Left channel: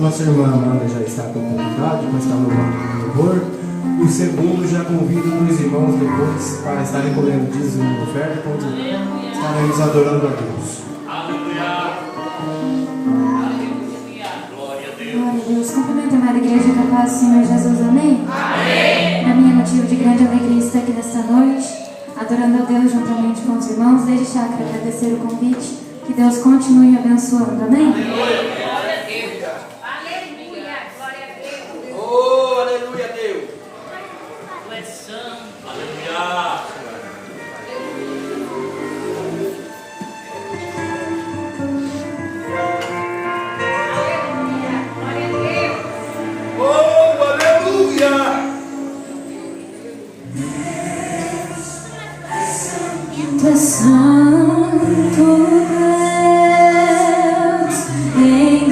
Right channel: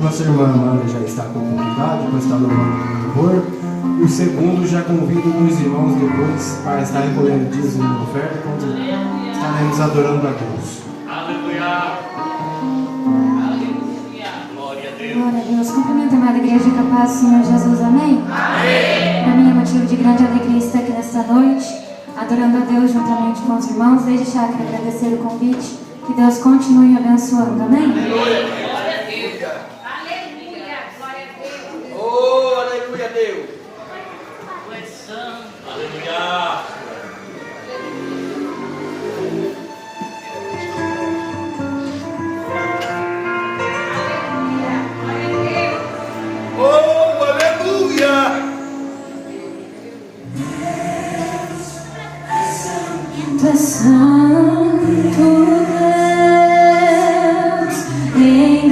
Nossa irmã Amanda já está com oportunidade, vai estar louvando o louvor. E o segundo, já convido os irmãos depois para estar recolhendo dízimo e oferta, quando estaremos adorando a Deus. Aleluia. Glória a Deus. Glória a Deus. Cumprimento a amada igreja com a paz do Senhor Jesus. Amém? Amém. Para mim é motivo de grande alegria estar aqui nesta noite, adorando a Deus juntamente com os irmãos. Desde já quero agradecer o convite. Que Deus continue abençoando. Amém? Aleluia. Oh, aleluia, Deus. Aleluia. Oh, aleluia. Tu és santo, Deus, em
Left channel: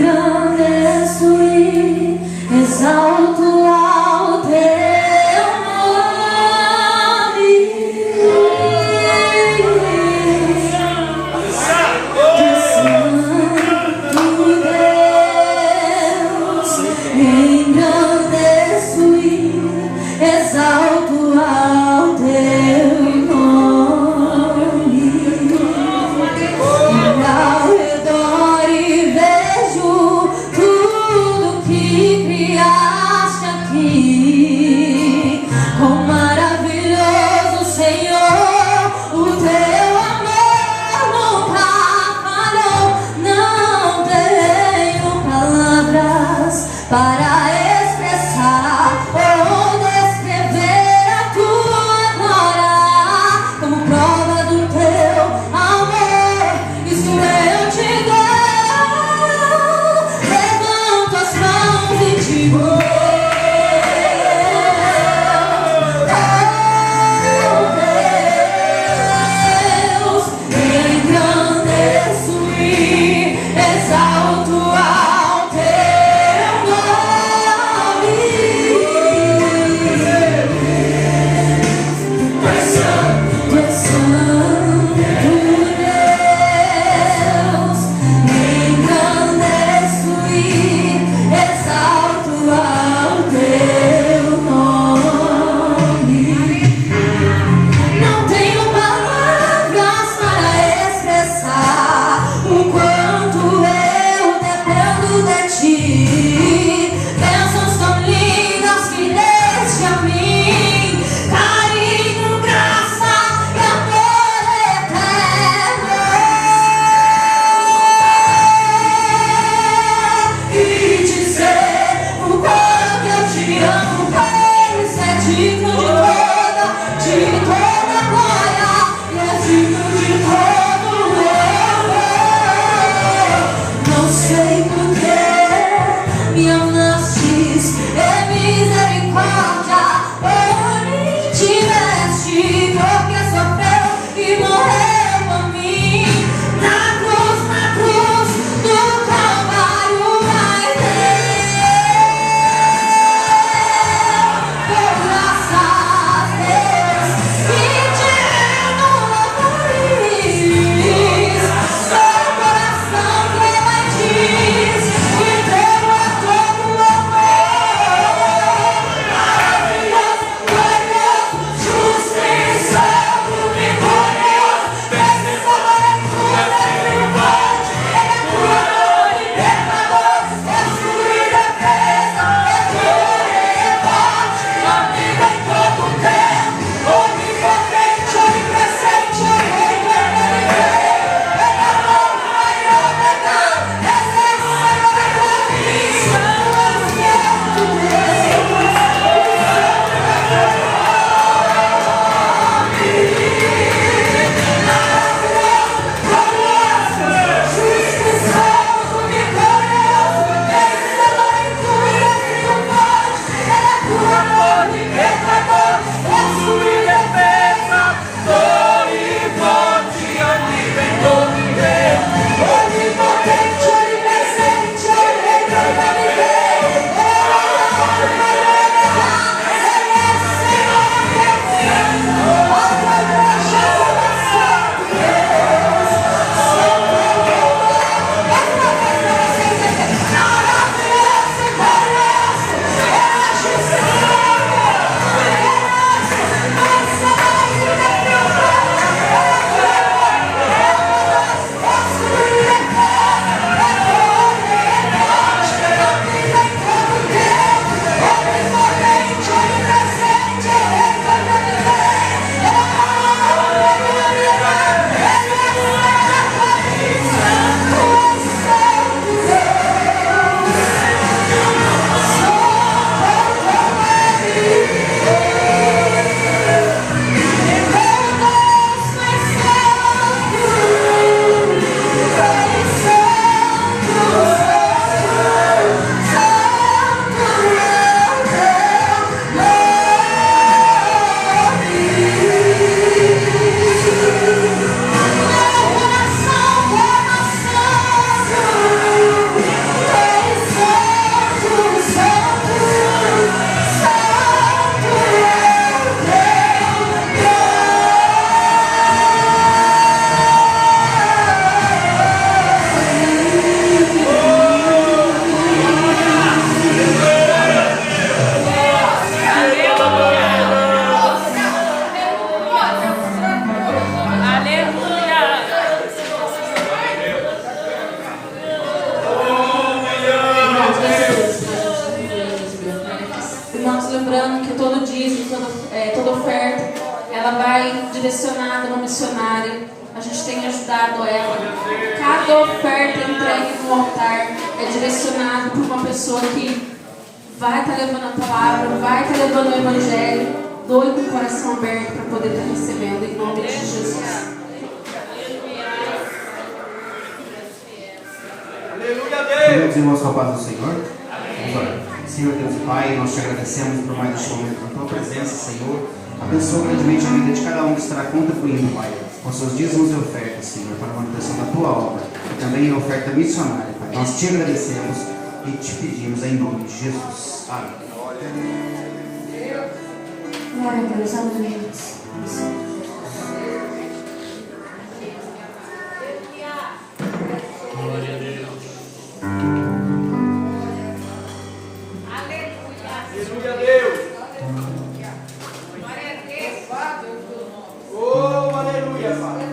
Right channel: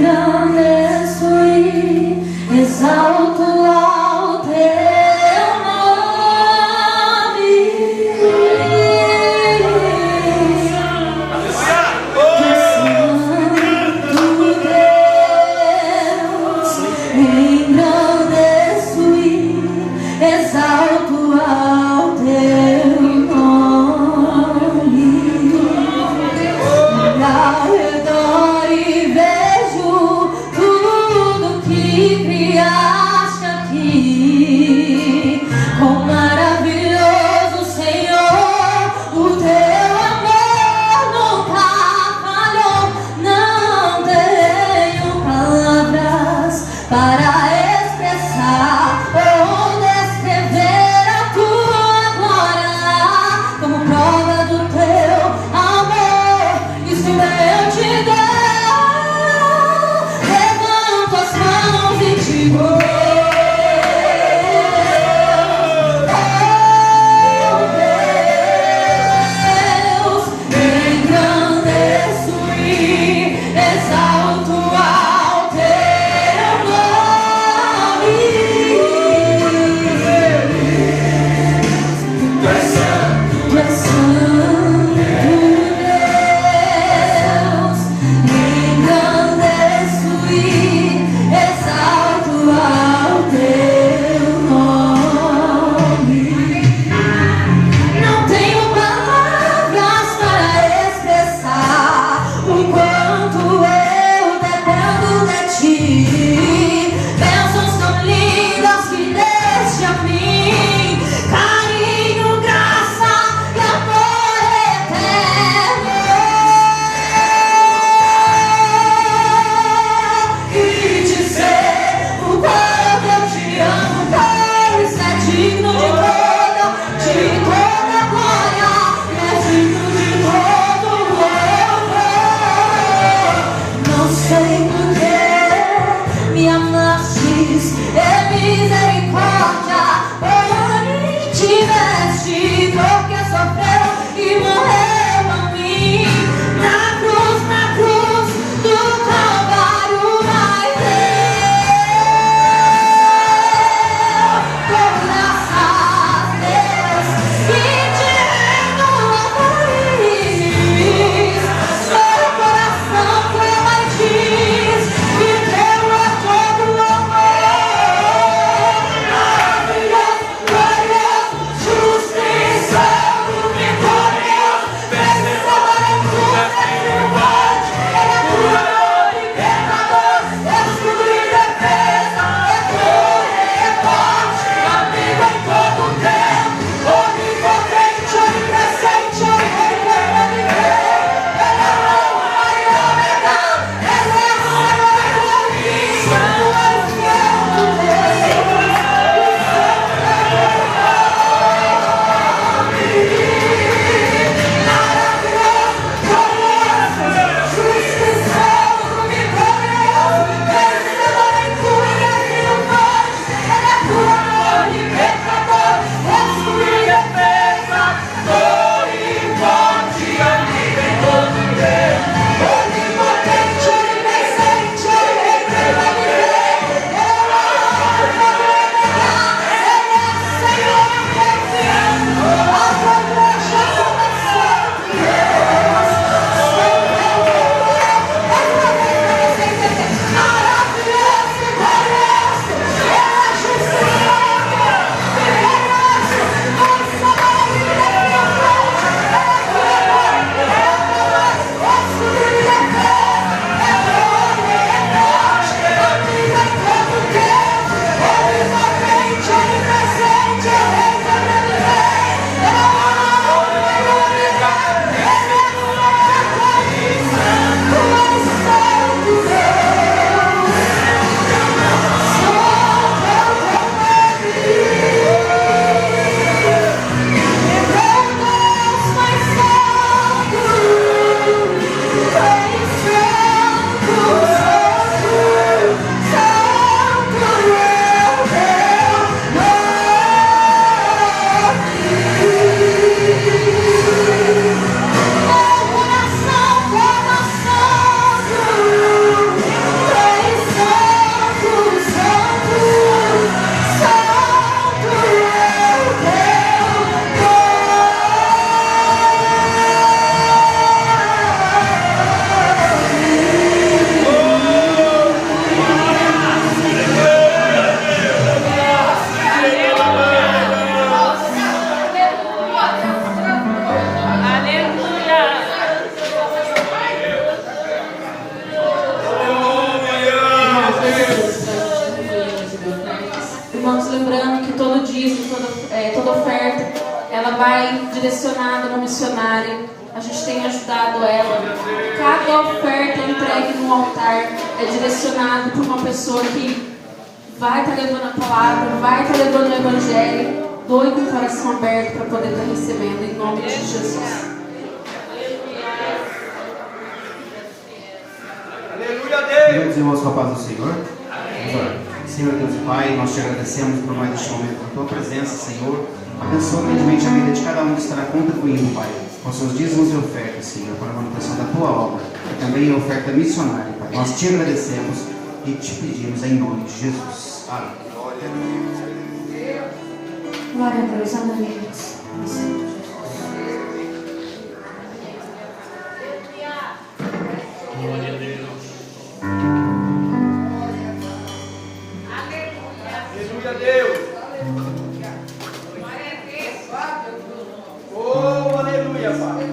lembrando que todo dízimo, toda oferta, ela vai direcionada no missionário. A gente tem ajudado ela. Cada oferta entregue no altar é direcionada por uma pessoa que vai estar levando a palavra, vai estar levando o evangelho. Doe com o coração aberto para poder estar recebendo, em nome de Jesus. Aleluia, Deus. Queridos irmãos, com a paz do Senhor. Vamos orar. Senhor Deus e Pai, nós te agradecemos por mais este momento na tua presença, Senhor. Abençoa grandemente a vida de cada um que estará contribuindo, Pai, com seus dízimos e ofertas, Senhor, para a manutenção da tua obra e também a oferta missionária, Pai. Nós te agradecemos e te pedimos em nome de Jesus. Amém. Glória a Deus, aleluia. Glória a Deus. Aleluia, Deus. Oh, aleluia, Pai.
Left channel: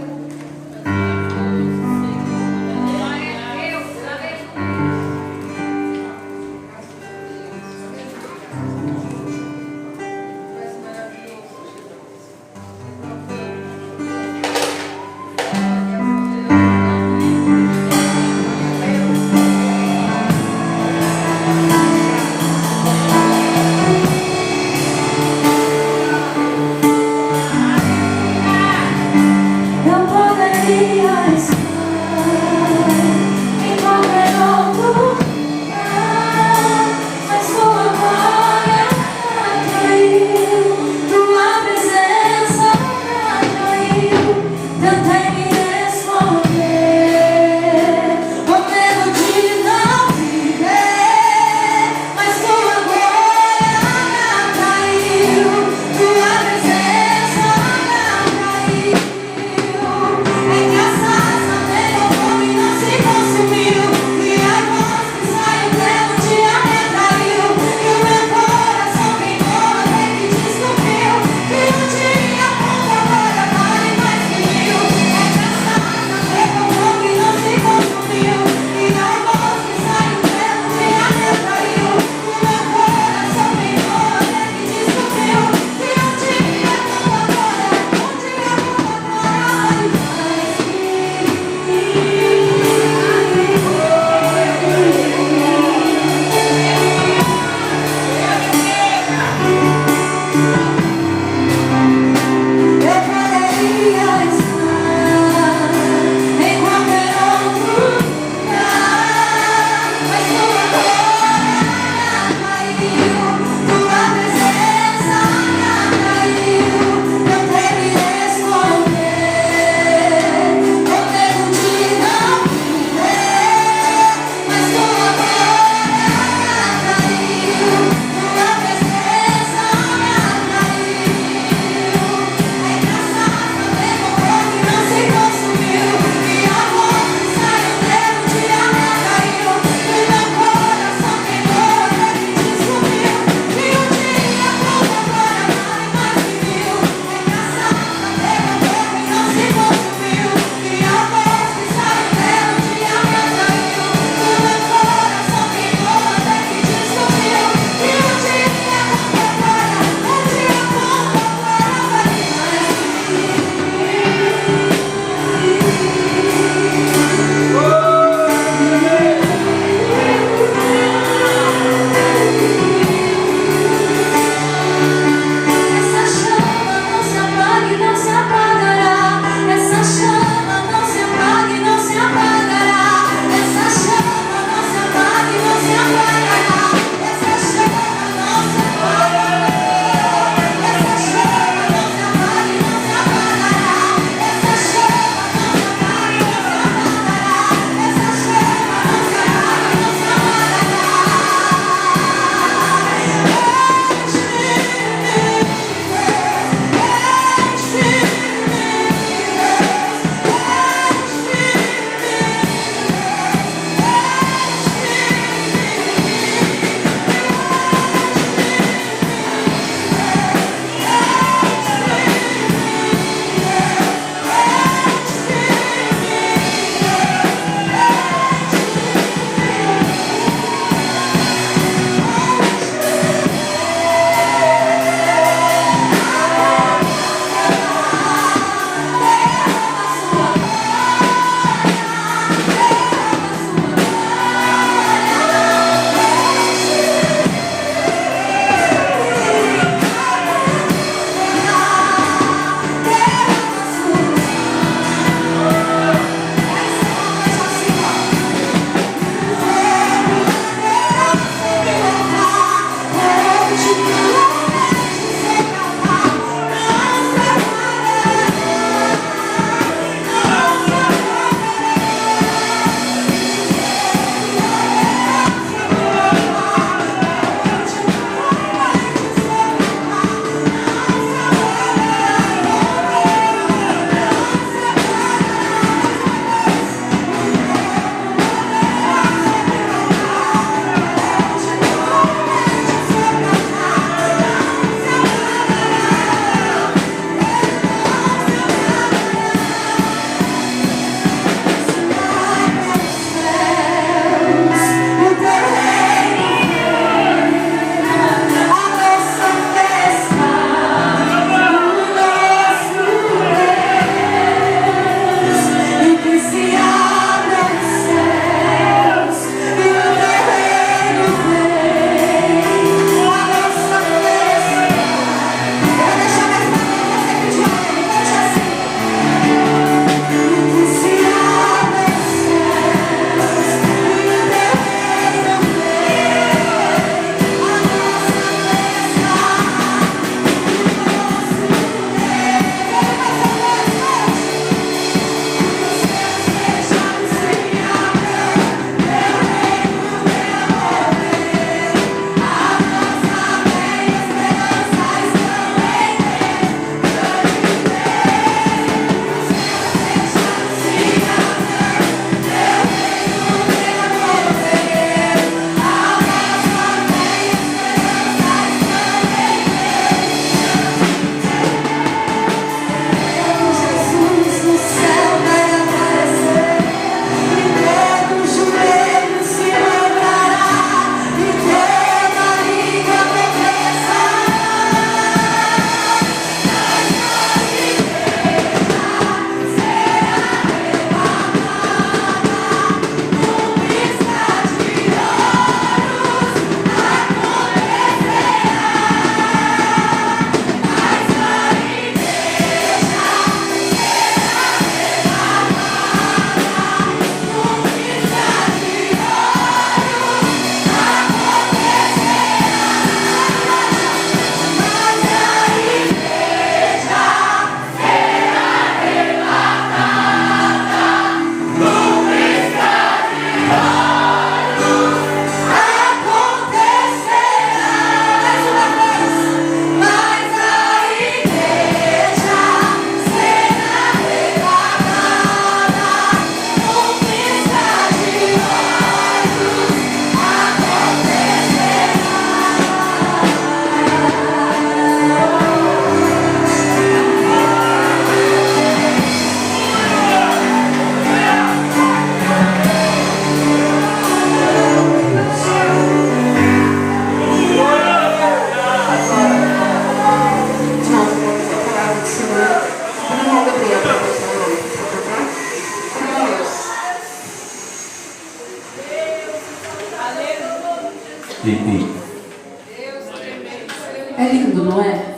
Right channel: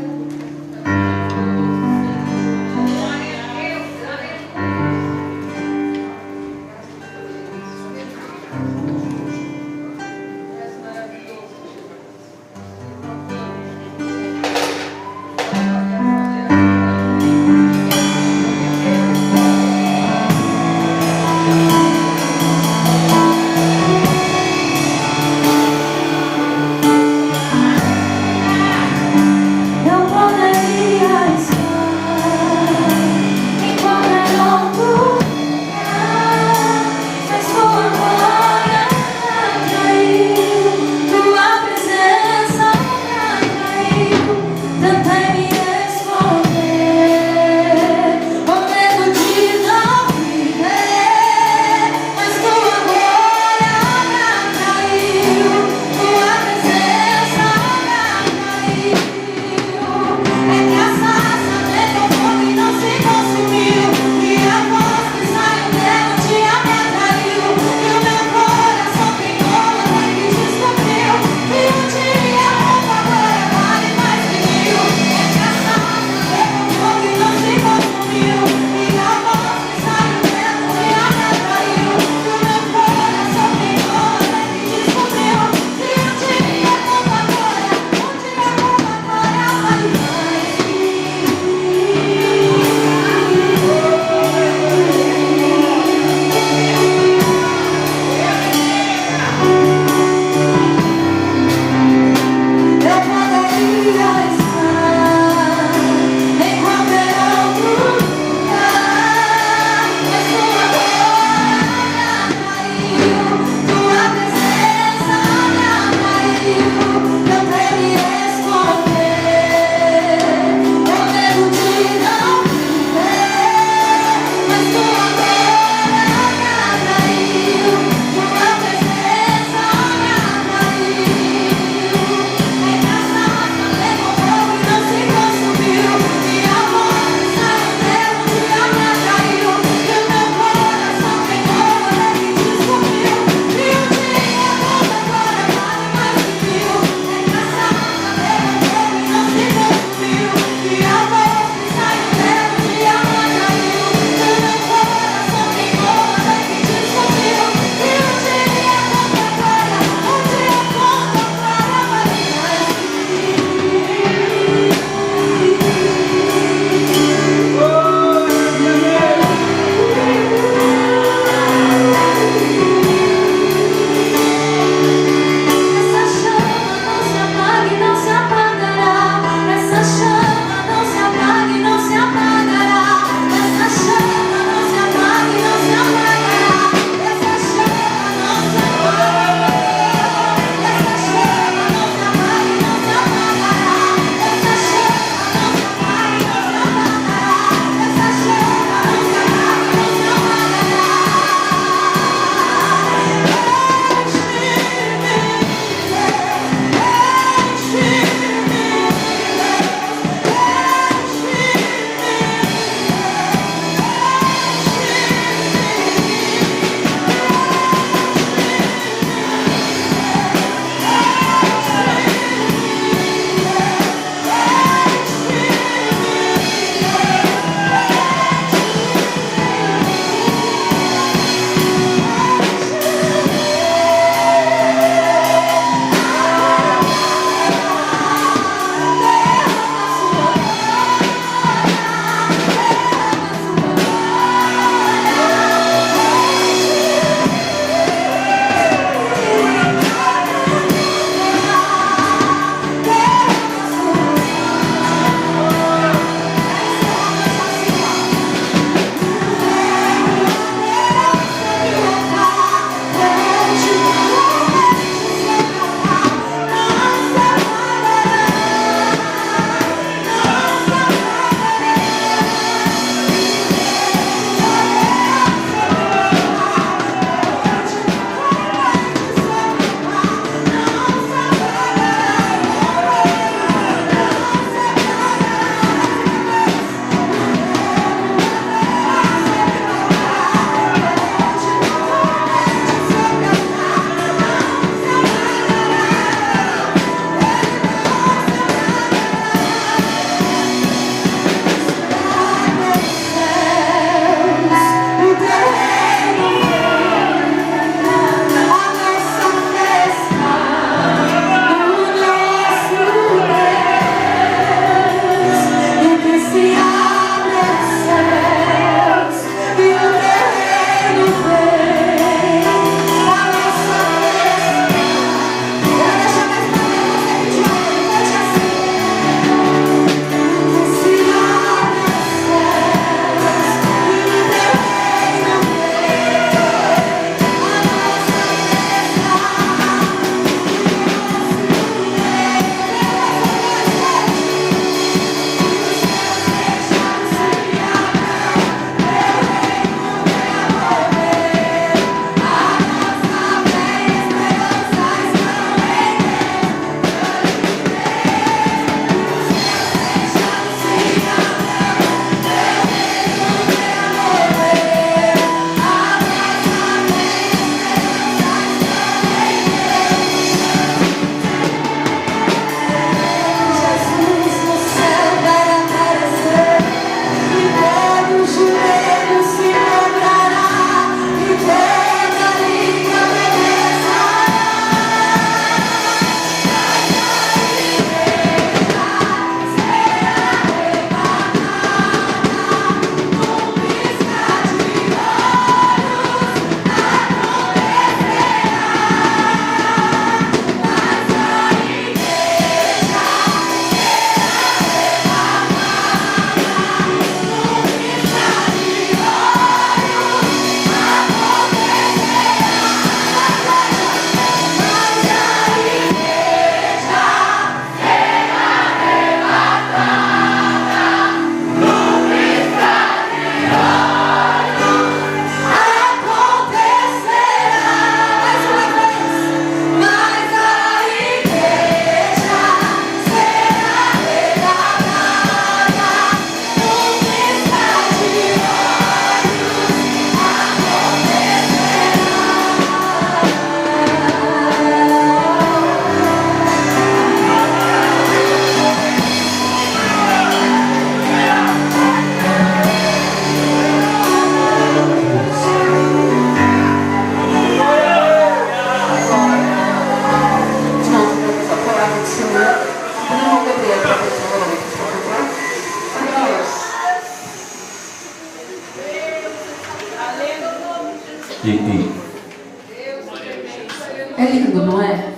É lindo, não é?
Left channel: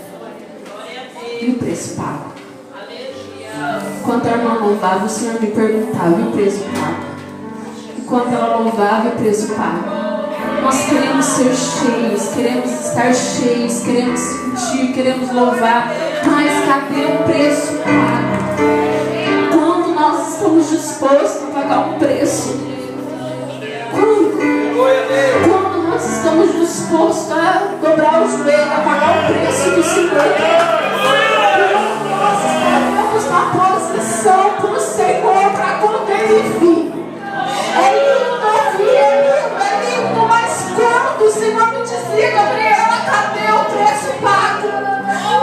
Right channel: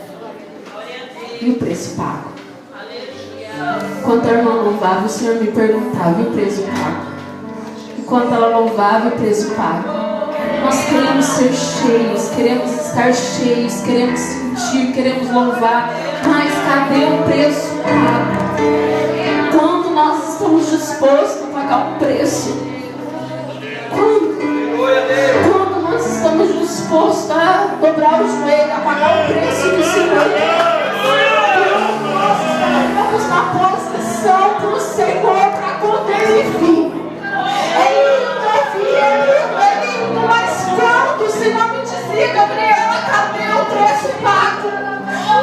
E o preço pago? Enquanto a irmã louvava, o Senhor me perguntava: e o preço pago? Enquanto ela louvava, o preço pago. Nós queremos ser cheios, queremos estar cheios, queremos sentir, queremos louvar, mas cadê o preço pago? Quando nós estamos dispostos a pagar um preço? Quando nós estamos dispostos a dobrar os joelhos, a pagar o preço do Senhor? Quando nós estaremos na posição para o Senhor, para quando Ele vir? É lindo ouvir, é lindo, mas quando o Senhor me dizia: Gabriela, cadê o preço pago?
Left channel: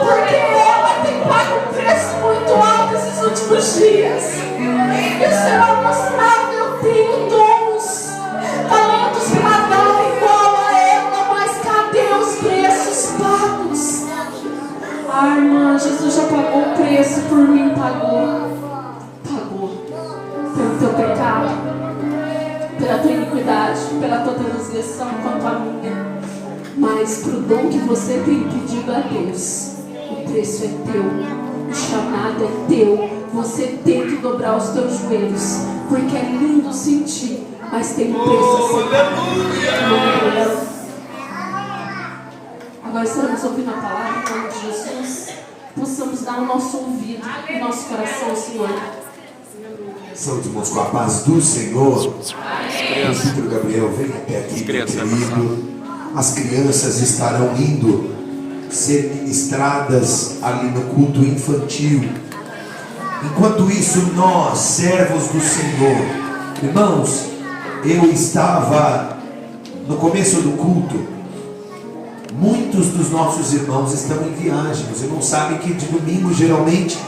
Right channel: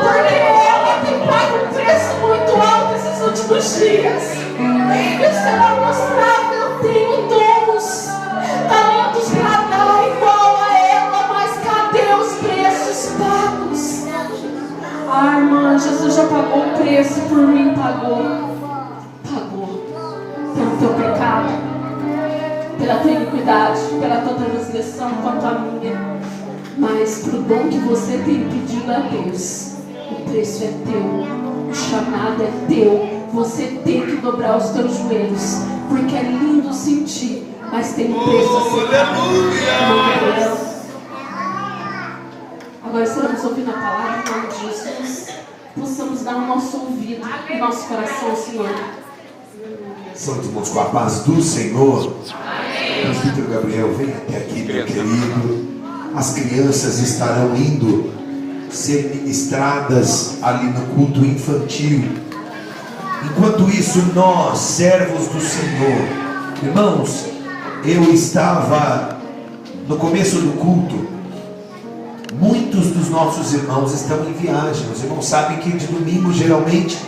Porque ela tem pago um preço muito alto esses últimos dias. E o Senhor mostrava: eu tenho dons, talentos para dar igual a ela, mas cadê os preços pagos? Ah, irmã, Jesus já pagou o preço por mim, pagou pelo teu pecado, pela tua iniquidade, pela tua transgressão quanto a minha. Mas pro dom que você tem pedido a Deus, o preço é teu, o chamado é teu. Você tem que dobrar os teus joelhos, porque é lindo sentir, mas tem um preço a ser pago. Agora estaremos ouvindo a palavra em nome de Jesus. Possamos dar o nosso ouvido e nosso coração ao Senhor. Santos irmãos, com a paz do Senhor. Presbítero Gabriel, vem até aqui, meu querido. As crianças estarão indo ser ministradas ali no culto infantil. Enquanto isso, nós, servos do Senhor, irmãos, eu estava no começo do culto. Muitos dos nossos irmãos estão em viagem. Os irmãos sabem que de domingo, geralmente,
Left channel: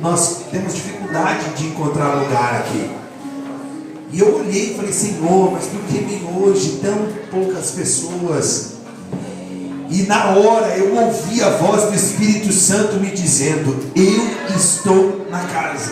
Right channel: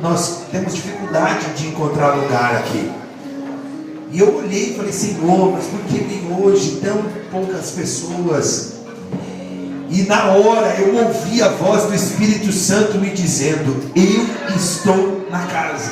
nós temos dificuldade de encontrar lugar aqui. E eu olhei e falei: Senhor, mas por que vem hoje tão poucas pessoas? E na hora eu ouvi a voz do Espírito Santo me dizendo: eu estou na casa.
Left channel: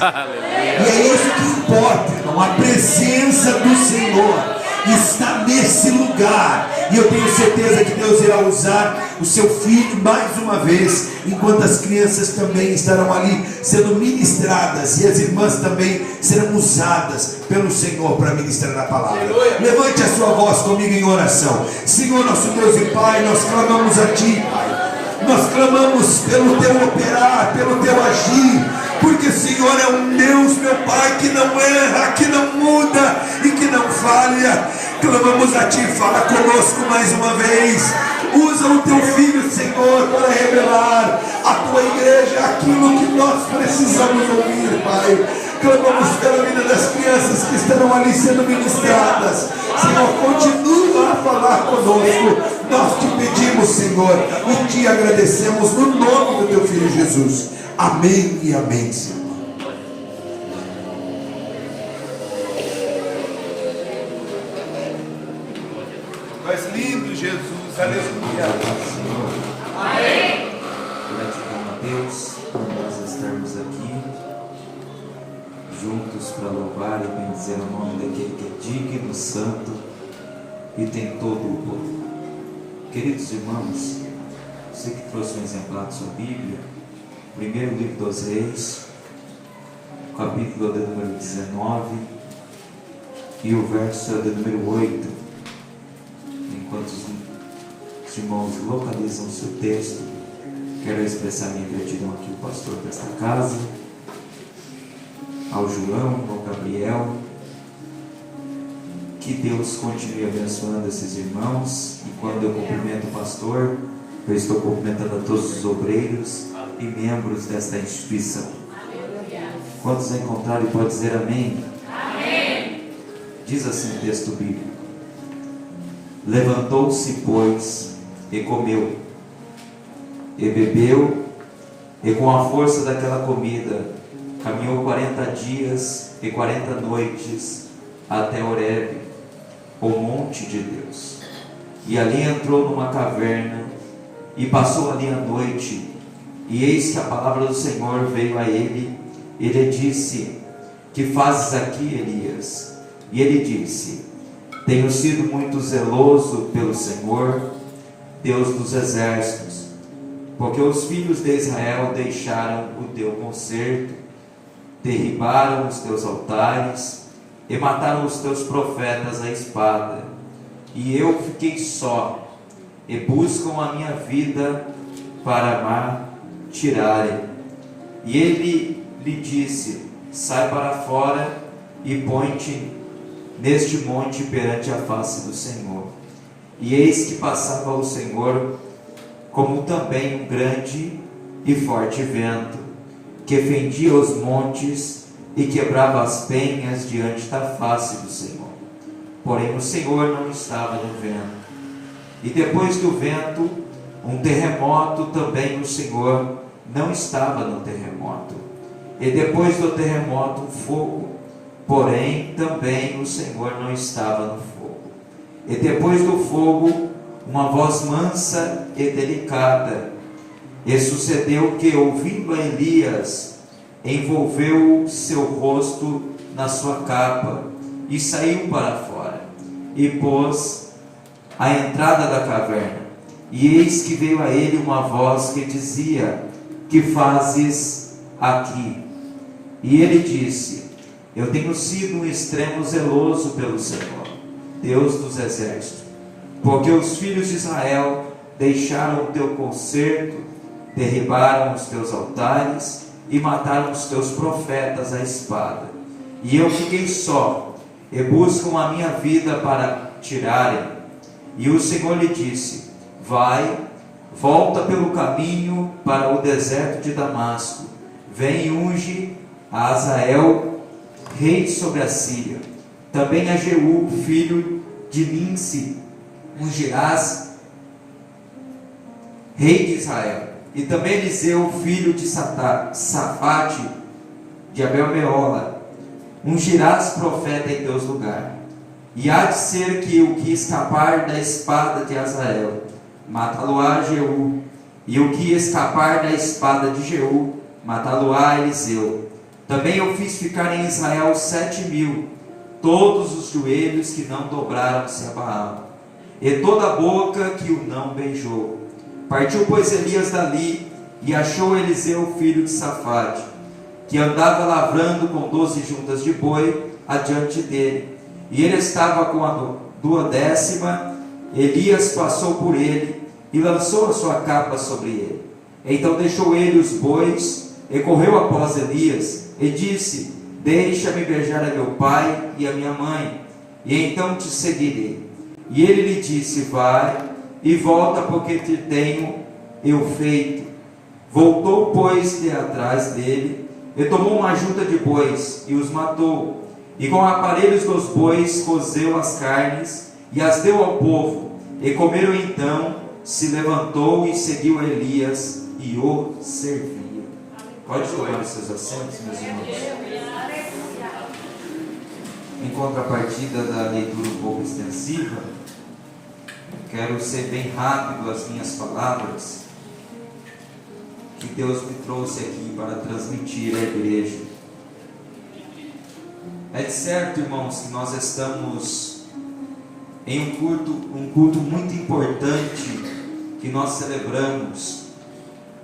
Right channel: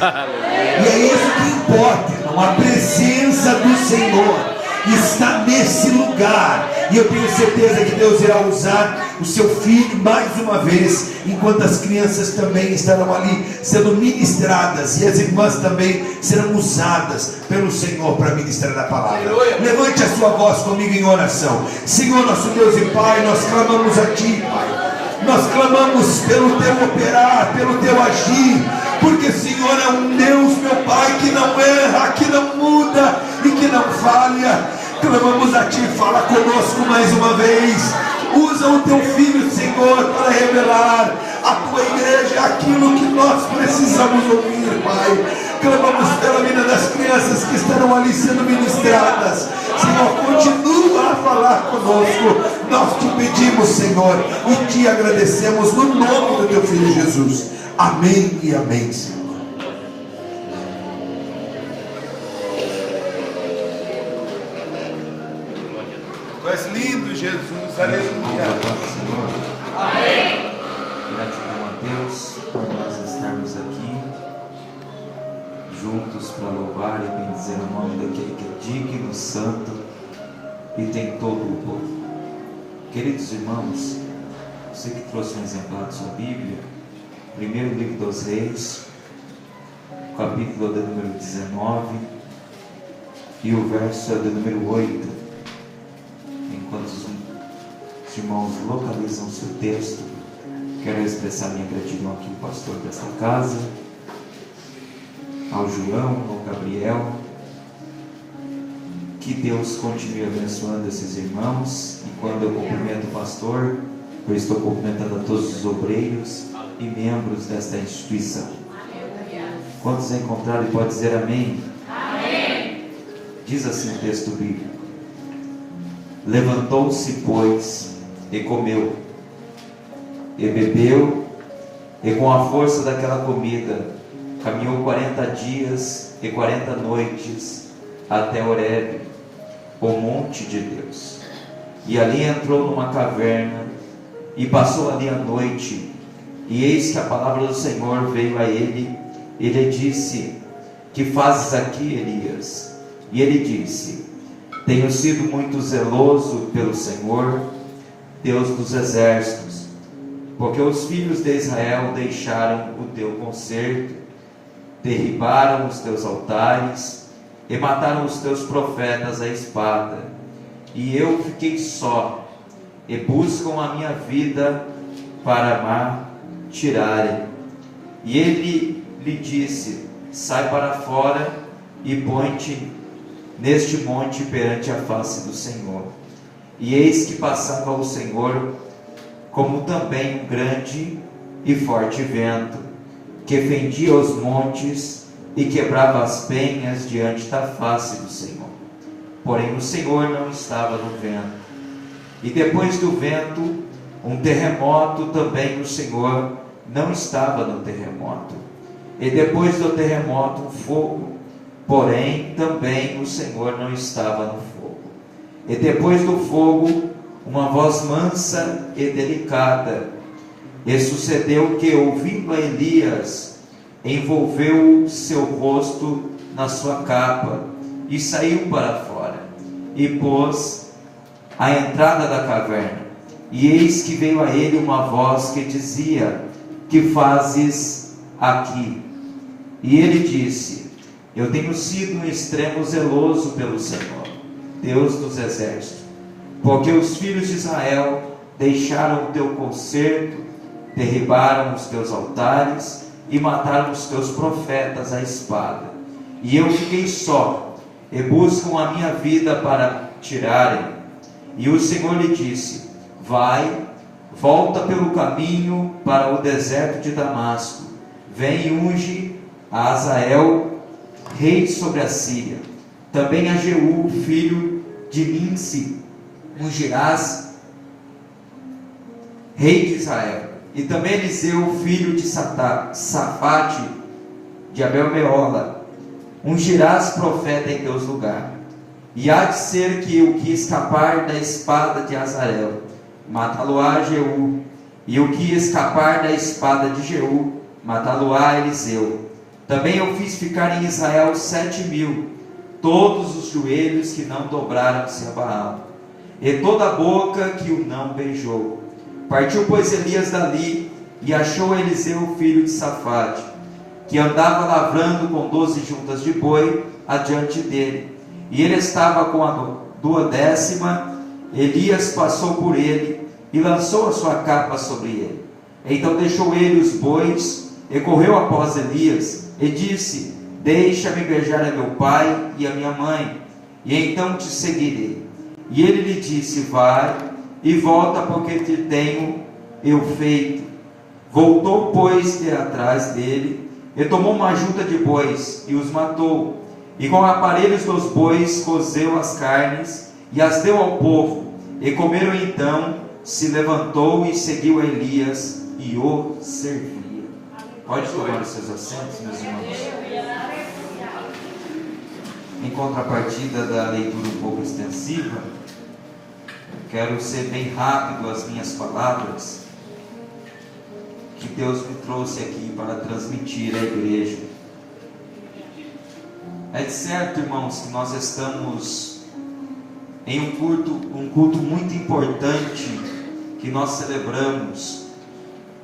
E é isso que importa, irmão. A presença do Senhor está nesse lugar. E eu tenho certeza que Deus irá usar o seu filho mais uma vez, enquanto as crianças também estarão ali sendo ministradas, e as irmãs também serão usadas pelo Senhor para ministrar a palavra. Levante a sua voz comigo em oração. Senhor, nosso Deus e Pai, nós clamamos a Ti, Pai. Nós clamamos pelo Teu operar, pelo Teu agir, porque o Senhor é um Deus, meu Pai, que não erra, que não muda e que não falha. Clamamos a Ti, fala conosco mais uma vez. Usa o Teu Filho, Senhor, para revelar à Tua igreja aquilo que nós precisamos ouvir, Pai. Clamamos pela vida das crianças que estarão ali sendo ministradas. Senhor, continua a falar conosco. Nós Te pedimos, Senhor, e Te agradecemos no nome do Teu Filho Jesus. Amém e amém, Senhor. Tu és lindo, Jesus, aleluia. Amém. Gratidão a Deus por nós estarmos aqui juntos para louvar e bendizer o nome daquele que é digno, santo e tem todo o povo. Queridos irmãos, você que trouxe um exemplar de sua Bíblia, primeiro livro dos Reis, capítulo de número 19 e o verso de número 8. Enquanto os irmãos localizam o seu texto, quero expressar minha gratidão aqui ao pastor desta casa, ao João, ao Gabriel. Que Deus continue abençoando esses irmãos. E quando eu cumprimento o pastor, eu estou cumprimentando a todos os obreiros e membros desta instituição. Quantos encontrarem pode dizer amém? Amém. Diz assim o texto bíblico: levantou-se, pois, e comeu, e bebeu, e com a força daquela comida, caminhou 40 dias e 40 noites até Horebe, o monte de Deus. E ali entrou numa caverna, e passou ali a noite. E eis que a palavra do Senhor veio a ele, e lhe disse: que fazes aqui, Elias? E ele disse: Tenho sido muito zeloso pelo Senhor, Deus dos exércitos, porque os filhos de Israel deixaram o teu concerto, derribaram os teus altares e mataram os teus profetas à espada. E eu fiquei só, e buscam a minha vida para me tirarem. E ele lhe disse: sai para fora e põe-te neste monte perante a face do Senhor. E eis que passava o Senhor, como também um grande e forte vento, que fendia os montes e quebrava as penhas diante da face do Senhor. Porém o Senhor não estava no vento. E depois do vento, um terremoto, também o Senhor não estava no terremoto. E depois do terremoto, um fogo, porém também o Senhor não estava no fogo. E depois do fogo, uma voz mansa e delicada. E sucedeu que, ouvindo a Elias, envolveu seu rosto na sua capa e saiu para fora, e pôs à entrada da caverna. E eis que veio a ele uma voz que dizia: que fazes aqui? E ele disse: eu tenho sido um extremo zeloso pelo Senhor, Deus dos exércitos, porque os filhos de Israel deixaram o teu concerto, derribaram os teus altares e mataram os teus profetas à espada. E eu fiquei só, e buscam a minha vida para tirarem. E o Senhor lhe disse: vai, volta pelo caminho para o deserto de Damasco, vem e unge a Azael, rei sobre a Síria. Também a Jeú, filho de Nimsi, ungirás, rei de Israel. E também Eliseu, filho de Safate, de Abel-meola, ungirás profeta em teus lugares. E há de ser que o que escapar da espada de Azael, matá-lo-á Jeú, e o que escapar da espada de Jeú, matá-lo-á Eliseu. Também eu fiz ficar em Israel 7.000, todos os joelhos que não dobraram-se a Baal, e toda a boca que o não beijou. Partiu, pois, Elias dali, e achou Eliseu, filho de Safate, que andava lavrando com 12 juntas de boi adiante dele, e ele estava com a 12ª. Elias passou por ele e lançou a sua capa sobre ele. Então deixou ele os bois e correu após Elias e disse: deixa-me beijar a meu pai e a minha mãe, e então te seguirei. E ele lhe disse: vai e volta, porque te tenho eu feito. Voltou, pois, de atrás dele, e tomou uma junta de bois, e os matou, e com aparelhos dos bois cozeu as carnes, e as deu ao povo, e comeram. Então se levantou e seguiu a Elias, e o servia. Pode tomar os seus assentos, meus irmãos. Em contrapartida da leitura um pouco extensiva, quero ser bem rápido as minhas palavras, que Deus me trouxe aqui para transmitir à igreja. É de certo, irmãos, que nós estamos em um culto muito importante que nós celebramos.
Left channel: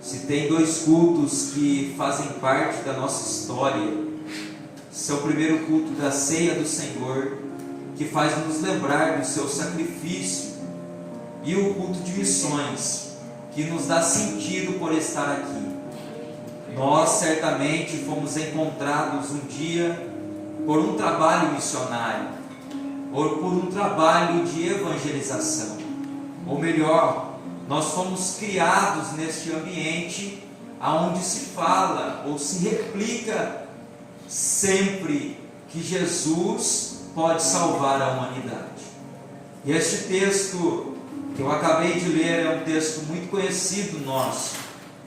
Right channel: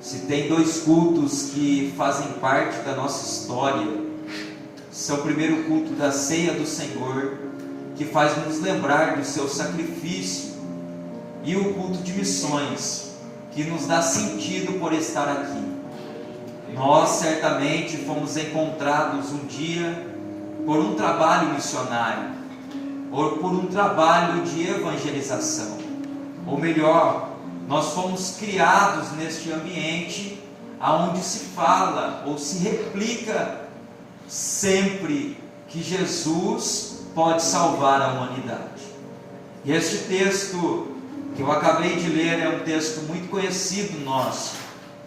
Se tem 2 cultos que fazem parte da nossa história, esse é o primeiro culto da ceia do Senhor, que faz nos lembrar do seu sacrifício, e o culto de missões, que nos dá sentido por estar aqui. Nós certamente fomos encontrados um dia por um trabalho missionário, ou por um trabalho de evangelização, ou melhor, nós fomos criados neste ambiente aonde se fala ou se replica sempre que Jesus pode salvar a humanidade. E este texto que eu acabei de ler é um texto muito conhecido nosso,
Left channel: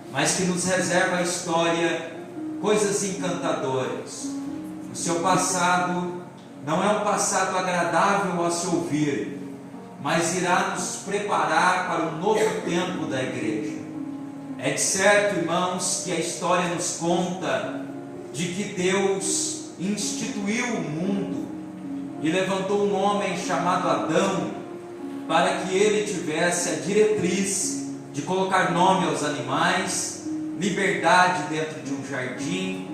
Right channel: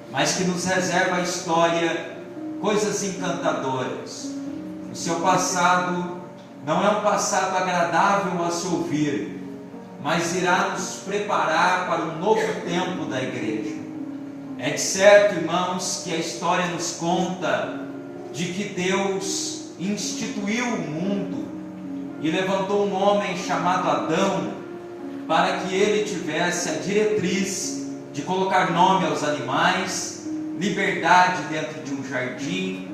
mas que nos reserva a história, coisas encantadoras. O seu passado não é um passado agradável a se ouvir, mas irá nos preparar para um novo tempo da igreja. É de certo, irmãos, que a história nos conta de que Deus instituiu o mundo, e levantou um homem chamado Adão, para que ele tivesse a diretriz de colocar nome aos animais, liberdade dentro de um jardim,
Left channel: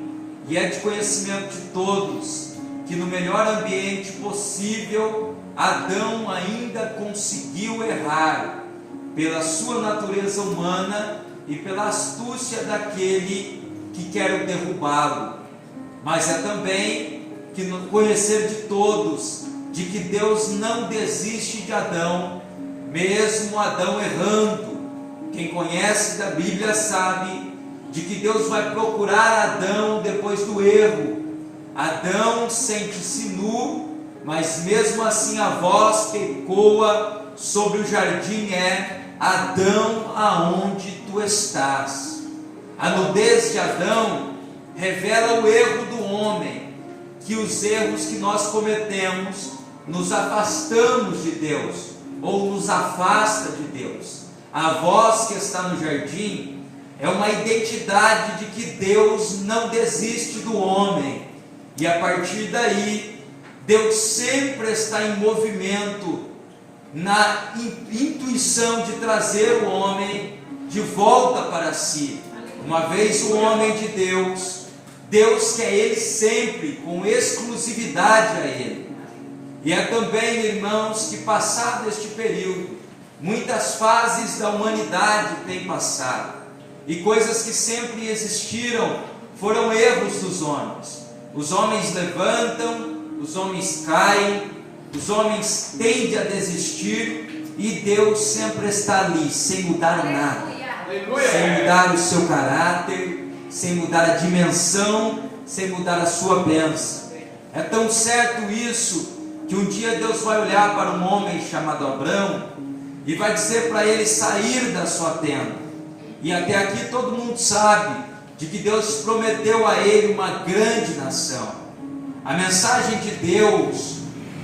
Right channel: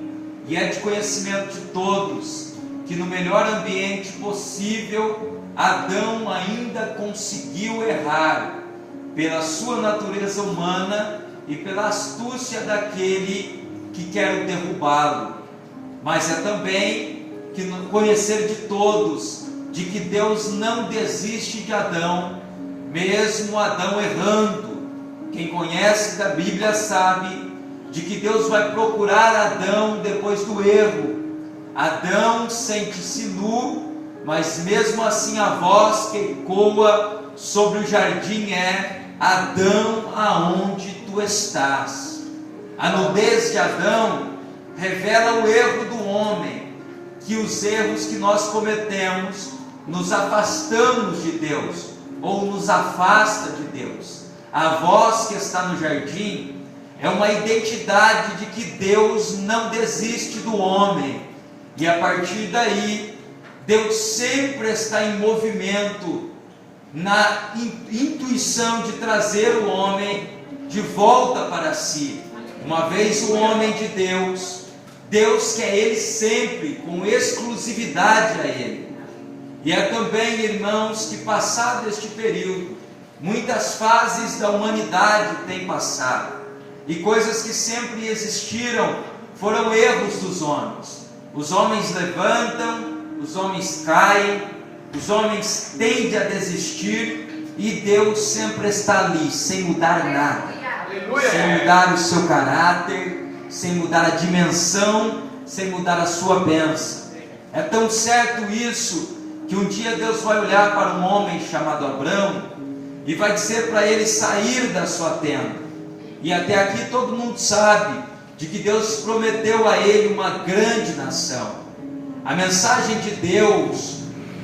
e é de conhecimento de todos que no melhor ambiente possível, Adão ainda conseguiu errar pela sua natureza humana e pela astúcia daquele que quer derrubá-lo. Mas é também que conhecer de todos de que Deus não desiste de Adão, mesmo Adão errando. Quem conhece da Bíblia sabe de que Deus vai procurar Adão depois do erro. Adão sente-se nu, mas mesmo assim a voz que ecoa sobre o jardim é: Adão, aonde tu estás? A nudez de Adão revela o erro do homem, que os erros que nós cometemos nos afastamos de Deus, ou nos afasta de Deus. A voz que está no jardim é uma identidade de que Deus não desiste do homem, e a partir daí, Deus sempre está em movimento, na intuição de trazer o homem de volta para si. Uma vez o homem de Deus, Deus quer ele sempre, com exclusividade a ele. E é também, irmãos, que passado este período, muitas fases da humanidade têm passado, e coisas que sempre existiram foram erros dos homens. Os homens levantam, os homens caem, os homens tendem a desistir, e Deus sempre está ali, sem mudar nada, sem mudar o seu caráter, sem mudar a dimensão, sem mudar a sua bênção. É tão certo isso, que um dia Deus vai olhar para um homem chamado Abrão, e vai dizer para ele sair da sua tenda. E até aqui todo mundo sabe, de que Deus prometeu a ele uma grande nação. A mensagem de Deus,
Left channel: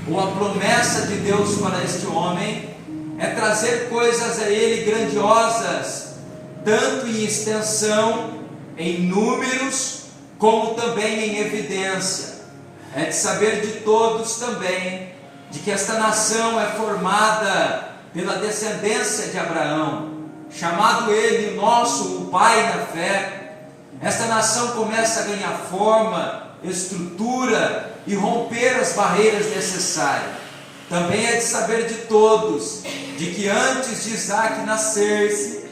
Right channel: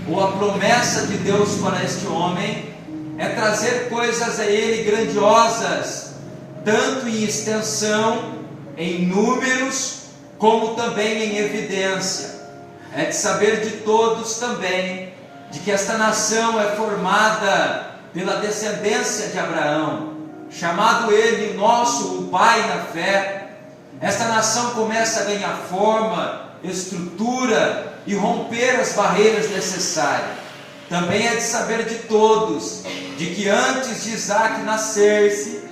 ou a promessa de Deus para este homem, é trazer coisas a ele grandiosas, tanto em extensão, em números, como também em evidência. É de saber de todos também, de que esta nação é formada pela descendência de Abraão, chamado ele o pai na fé. Esta nação começa a ganhar forma, estrutura e romper as barreiras necessárias. Também é de saber de todos, de que antes de Isaac nascer-se,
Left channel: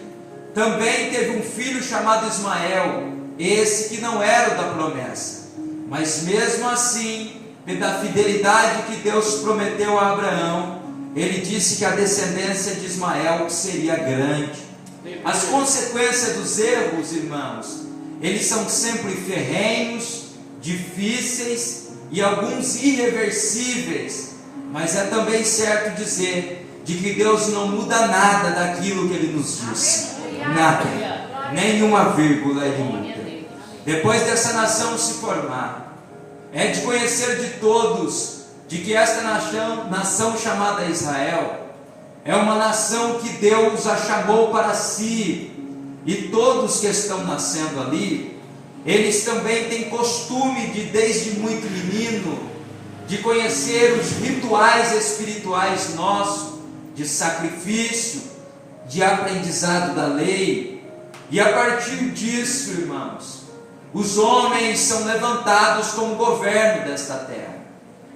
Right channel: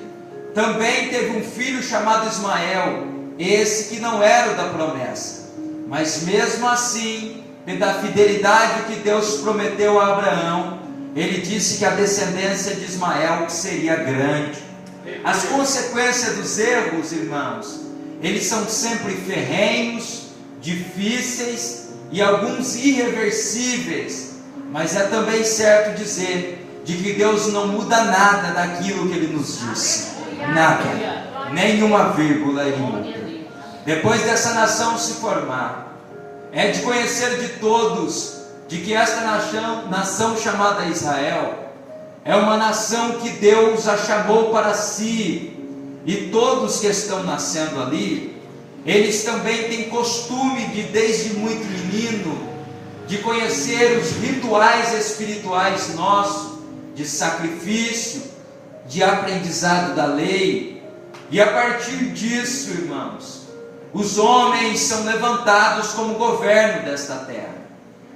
também teve um filho chamado Ismael, esse que não era o da promessa, mas mesmo assim, pela fidelidade que Deus prometeu a Abraão, ele disse que a descendência de Ismael seria grande. As consequências dos erros, irmãos, eles são sempre ferrenhos, difíceis e alguns irreversíveis, mas é também certo dizer de que Deus não muda nada daquilo que Ele nos disse, nada, nenhuma vírgula Ele muda. Depois dessa nação se formar, é de conhecer de todos de que esta nação chamada Israel é uma nação que Deus a chamou para si, e todos que estão nascendo ali, eles também têm costume de, desde muito menino, de conhecer os rituais espirituais nossos, de sacrifício, de aprendizado da lei, e a partir disso, irmãos, os homens são levantados como governo desta terra.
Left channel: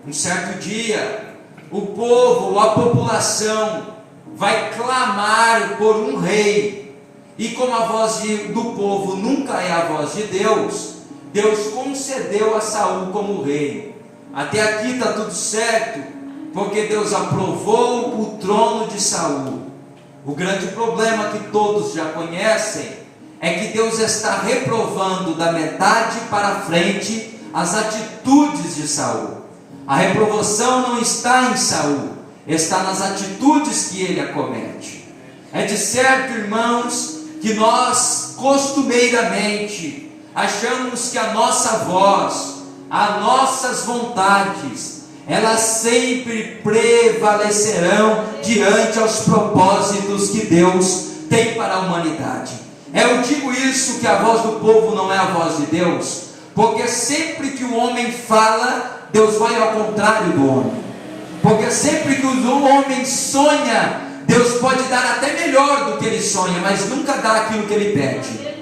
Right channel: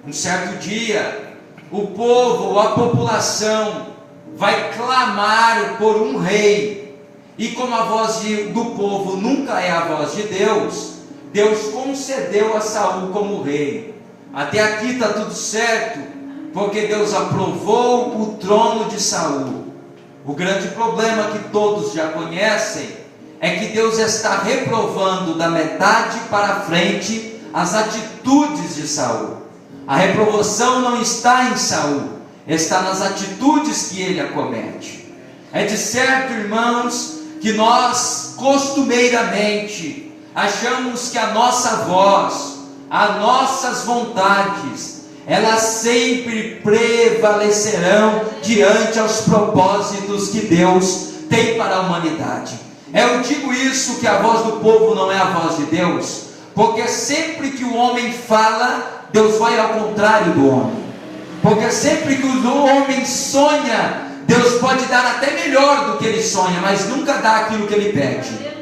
Um certo dia, o povo ou a população vai clamar por um rei, e como a voz do povo nunca é a voz de Deus, Deus concedeu a Saul como rei. Até aqui está tudo certo, porque Deus aprovou o trono de Saul. O grande problema que todos já conhecem é que Deus está reprovando da metade para frente as atitudes de Saul. A reprovação não está em Saul, está nas atitudes que ele acomete. É de certo, irmãos, que nós costumeiramente achamos que a nossa voz, as nossas vontades, elas sempre prevalecerão diante aos propósitos que Deus tem para a humanidade. Eu digo isso, que a voz do povo não é a voz de Deus, porque sempre que o homem fala, Deus vai ao contrário do homem. Porque sempre que o homem sonha, Deus pode dar até melhor do que ele sonha, mas nunca dá aquilo que ele pede.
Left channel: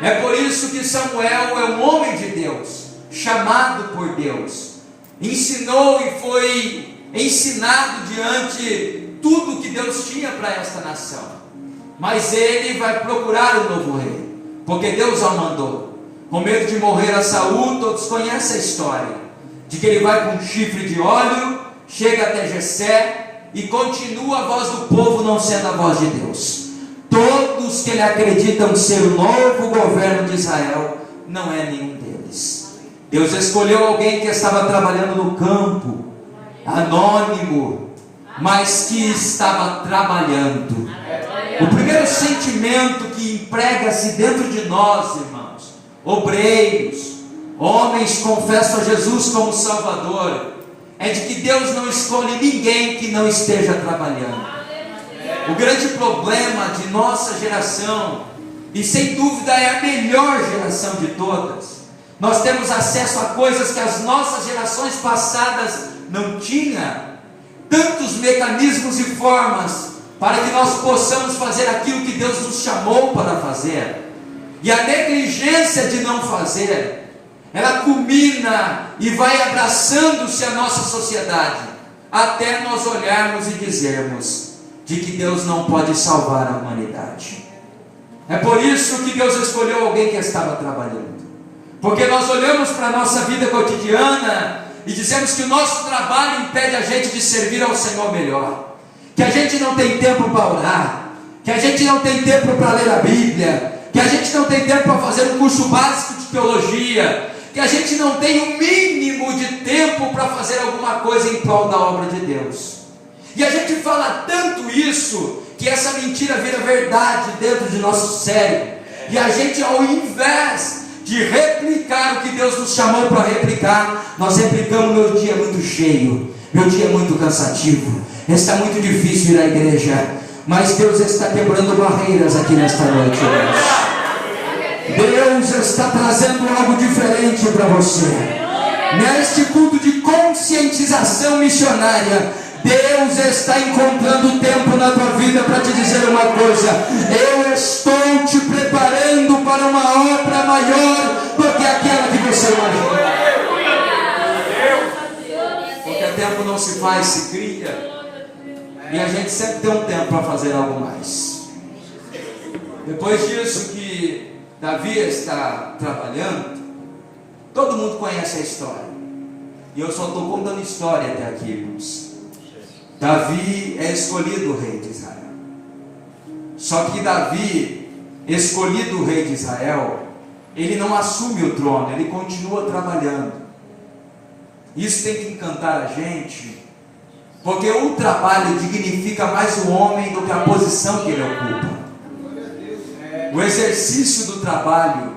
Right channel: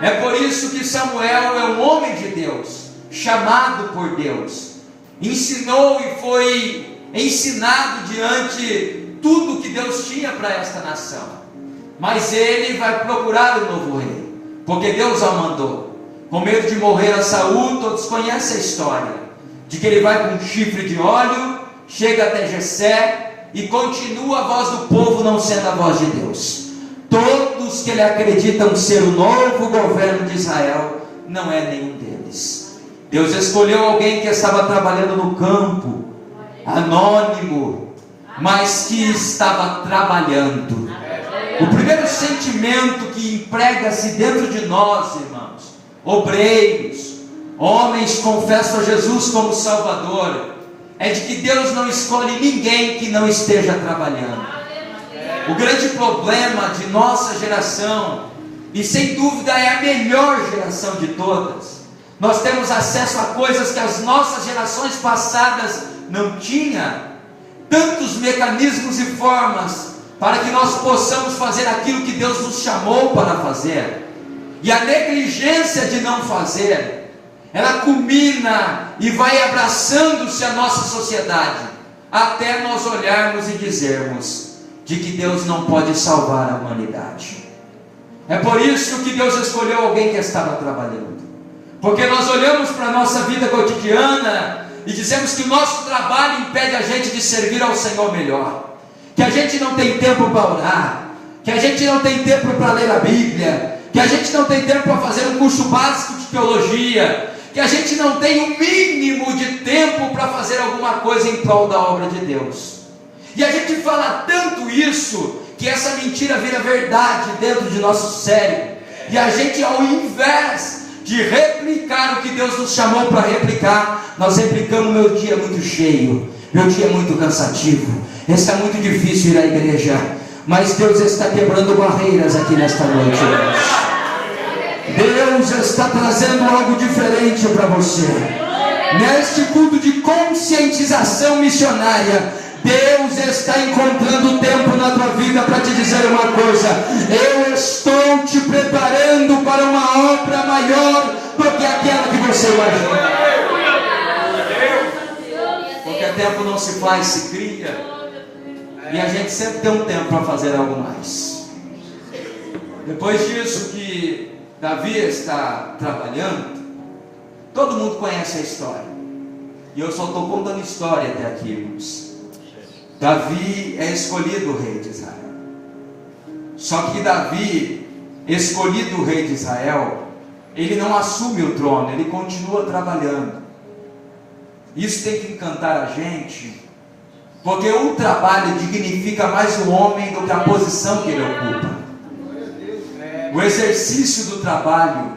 É por isso que Samuel é um homem de Deus, chamado por Deus, ensinou e foi ensinado diante tudo que Deus tinha para esta nação. Mas ele vai procurar o novo rei, porque Deus o mandou. Com medo de morrer a Saul, todos conhecem a história, de que ele vai com um chifre de óleo, chega até Jessé e continua a voz do povo não sendo a voz de Deus. Todos que ele acreditam ser o novo governo de Israel, não é nenhum deles. Deus escolheu alguém que estava trabalhando no campo, anônimo, mas que estava trabalhando. O primeiro sentimento que emprega-se dentro de nós, irmãos, obreiros, homens que confessam a Jesus como Salvador, é de que Deus não escolhe ninguém que não esteja trabalhando. O grande problema de nossa geração, e sem dúvida é a melhor geração de todas, nós temos acesso a coisas que as nossas gerações passadas não tinham, tantos mecanismos e formas para que nós possamos fazer aquilo que Deus nos chamou para fazer, e a negligência de não fazer, ela culmina e vai abraçando-se a nossa sociedade, até nós olharmos e dizermos de que Deus não pode salvar a humanidade. É por isso que Deus escolheu alguém que estava trabalhando, porque nós olhamos para a nossa vida cotidiana e dizemos que o nosso trabalho impede a gente de servir ao Senhor melhor, que a gente não tem tempo para orar, que a gente não tem tempo para ler a Bíblia, que a gente não tem tempo para fazer um curso básico de teologia, que a gente não tem o mínimo de tempo para fazer alguma coisa em prol da obra de Deus. E a gente fala tanto isso, que essa mentira vira verdade dentro de nosso cérebro, e a gente, ao invés de replicar o que Deus nos chamou para replicar, nós replicamos: meu dia é muito cheio, meu dia é muito cansativo, está muito difícil ir à igreja. Mas Deus está quebrando barreiras aqui nesta noite, irmãos. Deus está trazendo algo diferente para você. Neste culto de conscientização missionária, Deus está encontrando tempo na tua vida para te dizer uma coisa: eu estou te preparando para uma obra maior do que aquela que você imagina. Porque tempo não se faz, se cria. E a gente sempre tem um tempo para fazer algo mais. Depois disso que Davi está trabalhando, todo mundo conhece a história, e eu só estou contando história até aqui, irmãos. Davi é escolhido rei de Israel. Só que Davi, escolhido rei de Israel, ele não assume o trono, ele continua trabalhando. Isso tem que encantar a gente, porque o trabalho dignifica mais o homem do que a posição que ele ocupa. O exercício do trabalho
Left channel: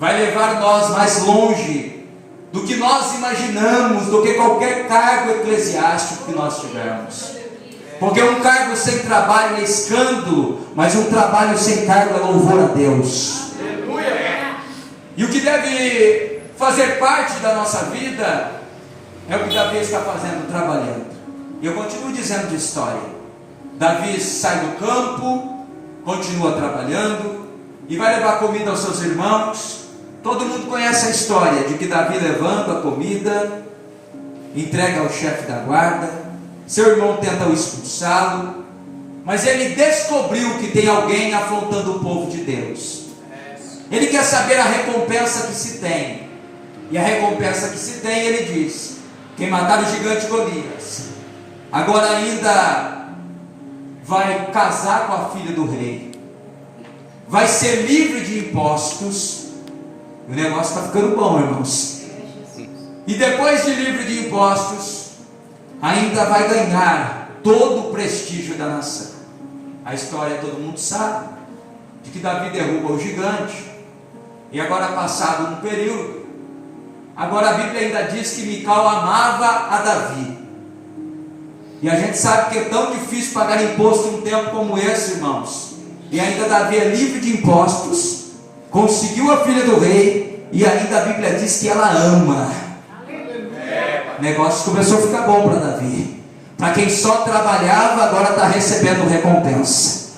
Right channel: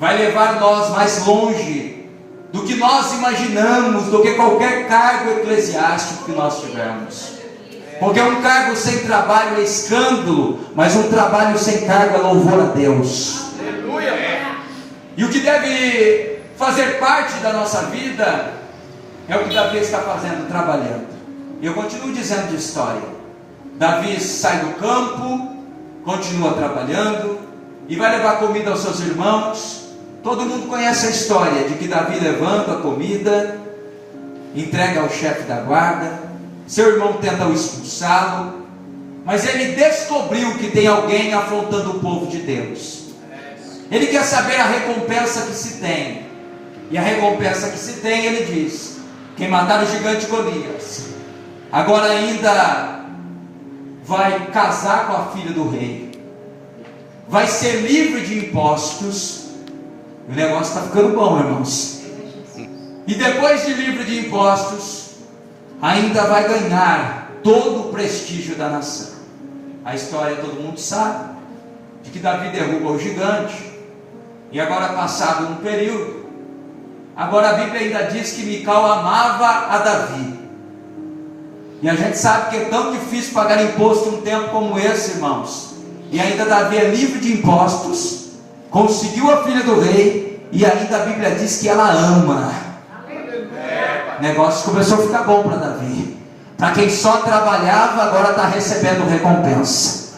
vai levar nós mais longe do que nós imaginamos, do que qualquer cargo eclesiástico que nós tivermos. Porque um cargo sem trabalho é escândalo, mas um trabalho sem cargo é louvor a Deus. E o que deve fazer parte da nossa vida é o que Davi está fazendo, trabalhando. E eu continuo dizendo de história. Davi sai do campo, continua trabalhando e vai levar comida aos seus irmãos. Todo mundo conhece a história de que Davi levanta a comida, entrega ao chefe da guarda, seu irmão tenta o expulsá-lo, mas ele descobriu que tem alguém afrontando o povo de Deus. Ele quer saber a recompensa que se tem, e a recompensa que se tem, ele diz: quem matar o gigante Golias, agora ainda vai casar com a filha do rei, vai ser livre de impostos. O negócio está ficando bom, irmãos. E depois de livre de impostos, ainda vai ganhar todo o prestígio da nação. A história todo mundo sabe, de que Davi derruba o gigante. E agora, passado um período, agora a Bíblia ainda diz que Mical amava a Davi. E a gente sabe que é tão difícil pagar imposto em um tempo como esse, irmãos. E ainda Davi é livre de impostos, conseguiu a filha do rei, e ainda a Bíblia diz que ela ama. O negócio começou a ficar bom para Davi. Para quem só trabalhava, agora está recebendo recompensa.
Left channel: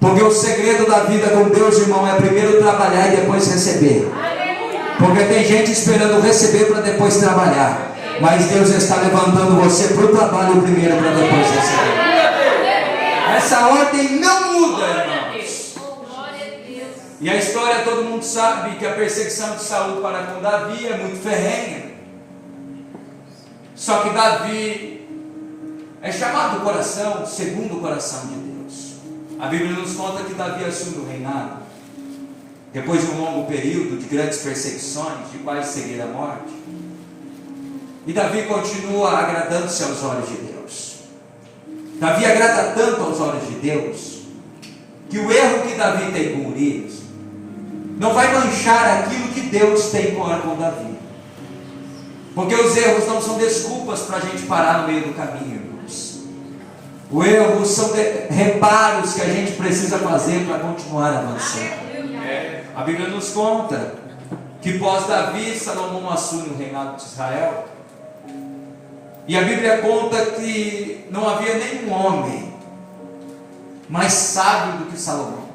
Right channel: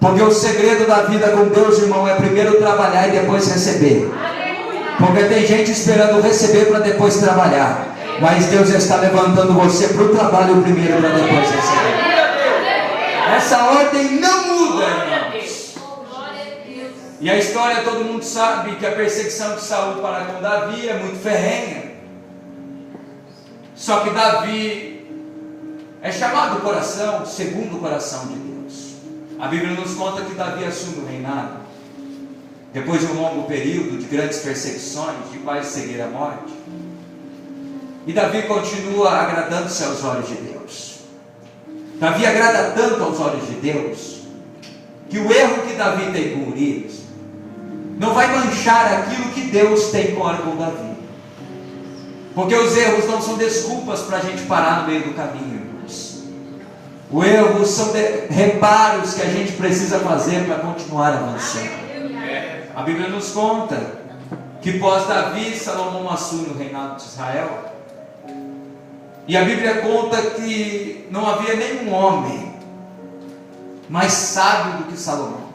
Porque o segredo da vida com Deus, irmão, é primeiro trabalhar e depois receber. Porque tem gente esperando receber para depois trabalhar. Mas Deus está levantando você para o trabalho primeiro para depois receber. Essa ordem não muda, irmãos. E a história todo mundo sabe que a perseguição de Saul para com Davi é muito ferrenha. Só que Davi é chamado o coração, segundo o coração de Deus. A Bíblia nos conta que Davi assume o reinado depois de um longo período de grandes perseguições, de quase seguir a morte. E Davi continua agradando-se aos olhos de Deus. Davi agrada tanto aos olhos de Deus, que o erro que Davi tem com Urias não vai manchar aquilo que Deus tem com Davi. Porque os erros não são desculpas para a gente parar no meio do caminho, irmãos. Os erros são reparos que a gente precisa fazer para continuar avançando. A Bíblia nos conta que pós Davi, Salomão assume o reinado de Israel. E a Bíblia conta que não havia nenhum homem mais sábio do que Salomão.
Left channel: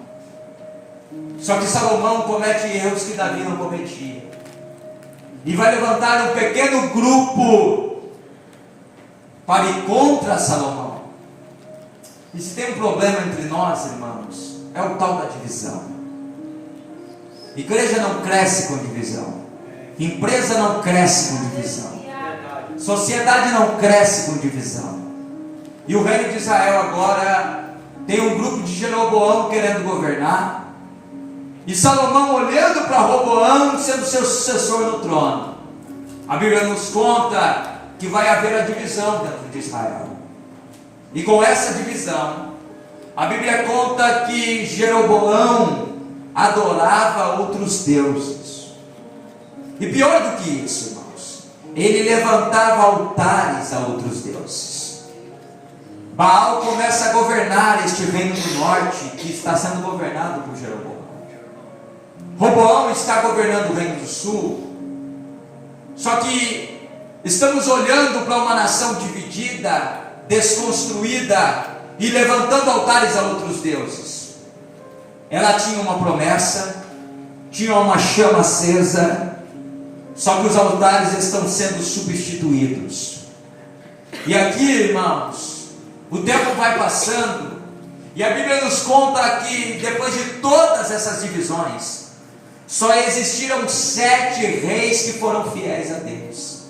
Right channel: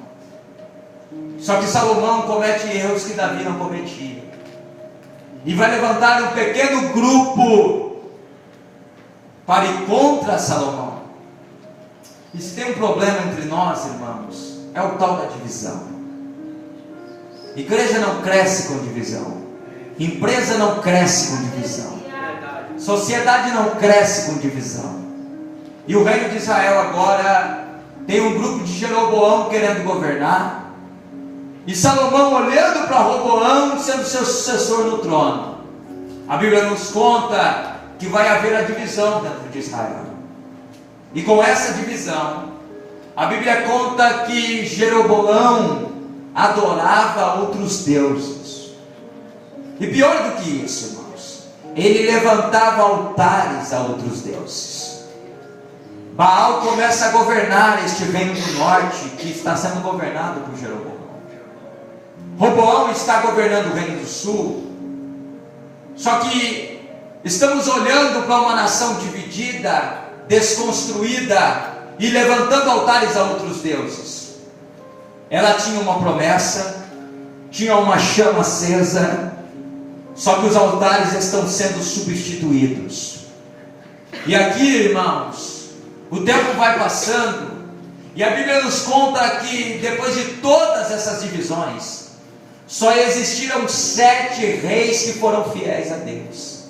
Só que Salomão comete erros que Davi não cometia. E vai levantar um pequeno grupo para ir contra Salomão. E se tem um problema entre nós, irmãos, é o tal da divisão. Igreja não cresce com divisão. Empresa não cresce com divisão. Sociedade não cresce com divisão. E o reino de Israel agora tem um grupo de Jeroboão querendo governar, e Salomão olhando para Roboão sendo seu sucessor no trono. A Bíblia nos conta que vai haver a divisão dentro de Israel. E com essa divisão, a Bíblia conta que Jeroboão adorava outros deuses. E pior do que isso, irmãos, ele levantava altares a outros deuses. Baal começa a governar este reino do norte, que está sendo governado por Jeroboão. Roboão está governando o reino do sul. Só que estamos olhando para uma nação dividida, desconstruída e levantando altares a outros deuses. Ela tinha uma promessa, tinha uma chama acesa, só que os altares estão sendo substituídos. E aqui, irmãos, o tempo vai passando, e a Bíblia nos conta que depois de todas essas divisões, só existiram 7 reis que foram fiéis a Deus.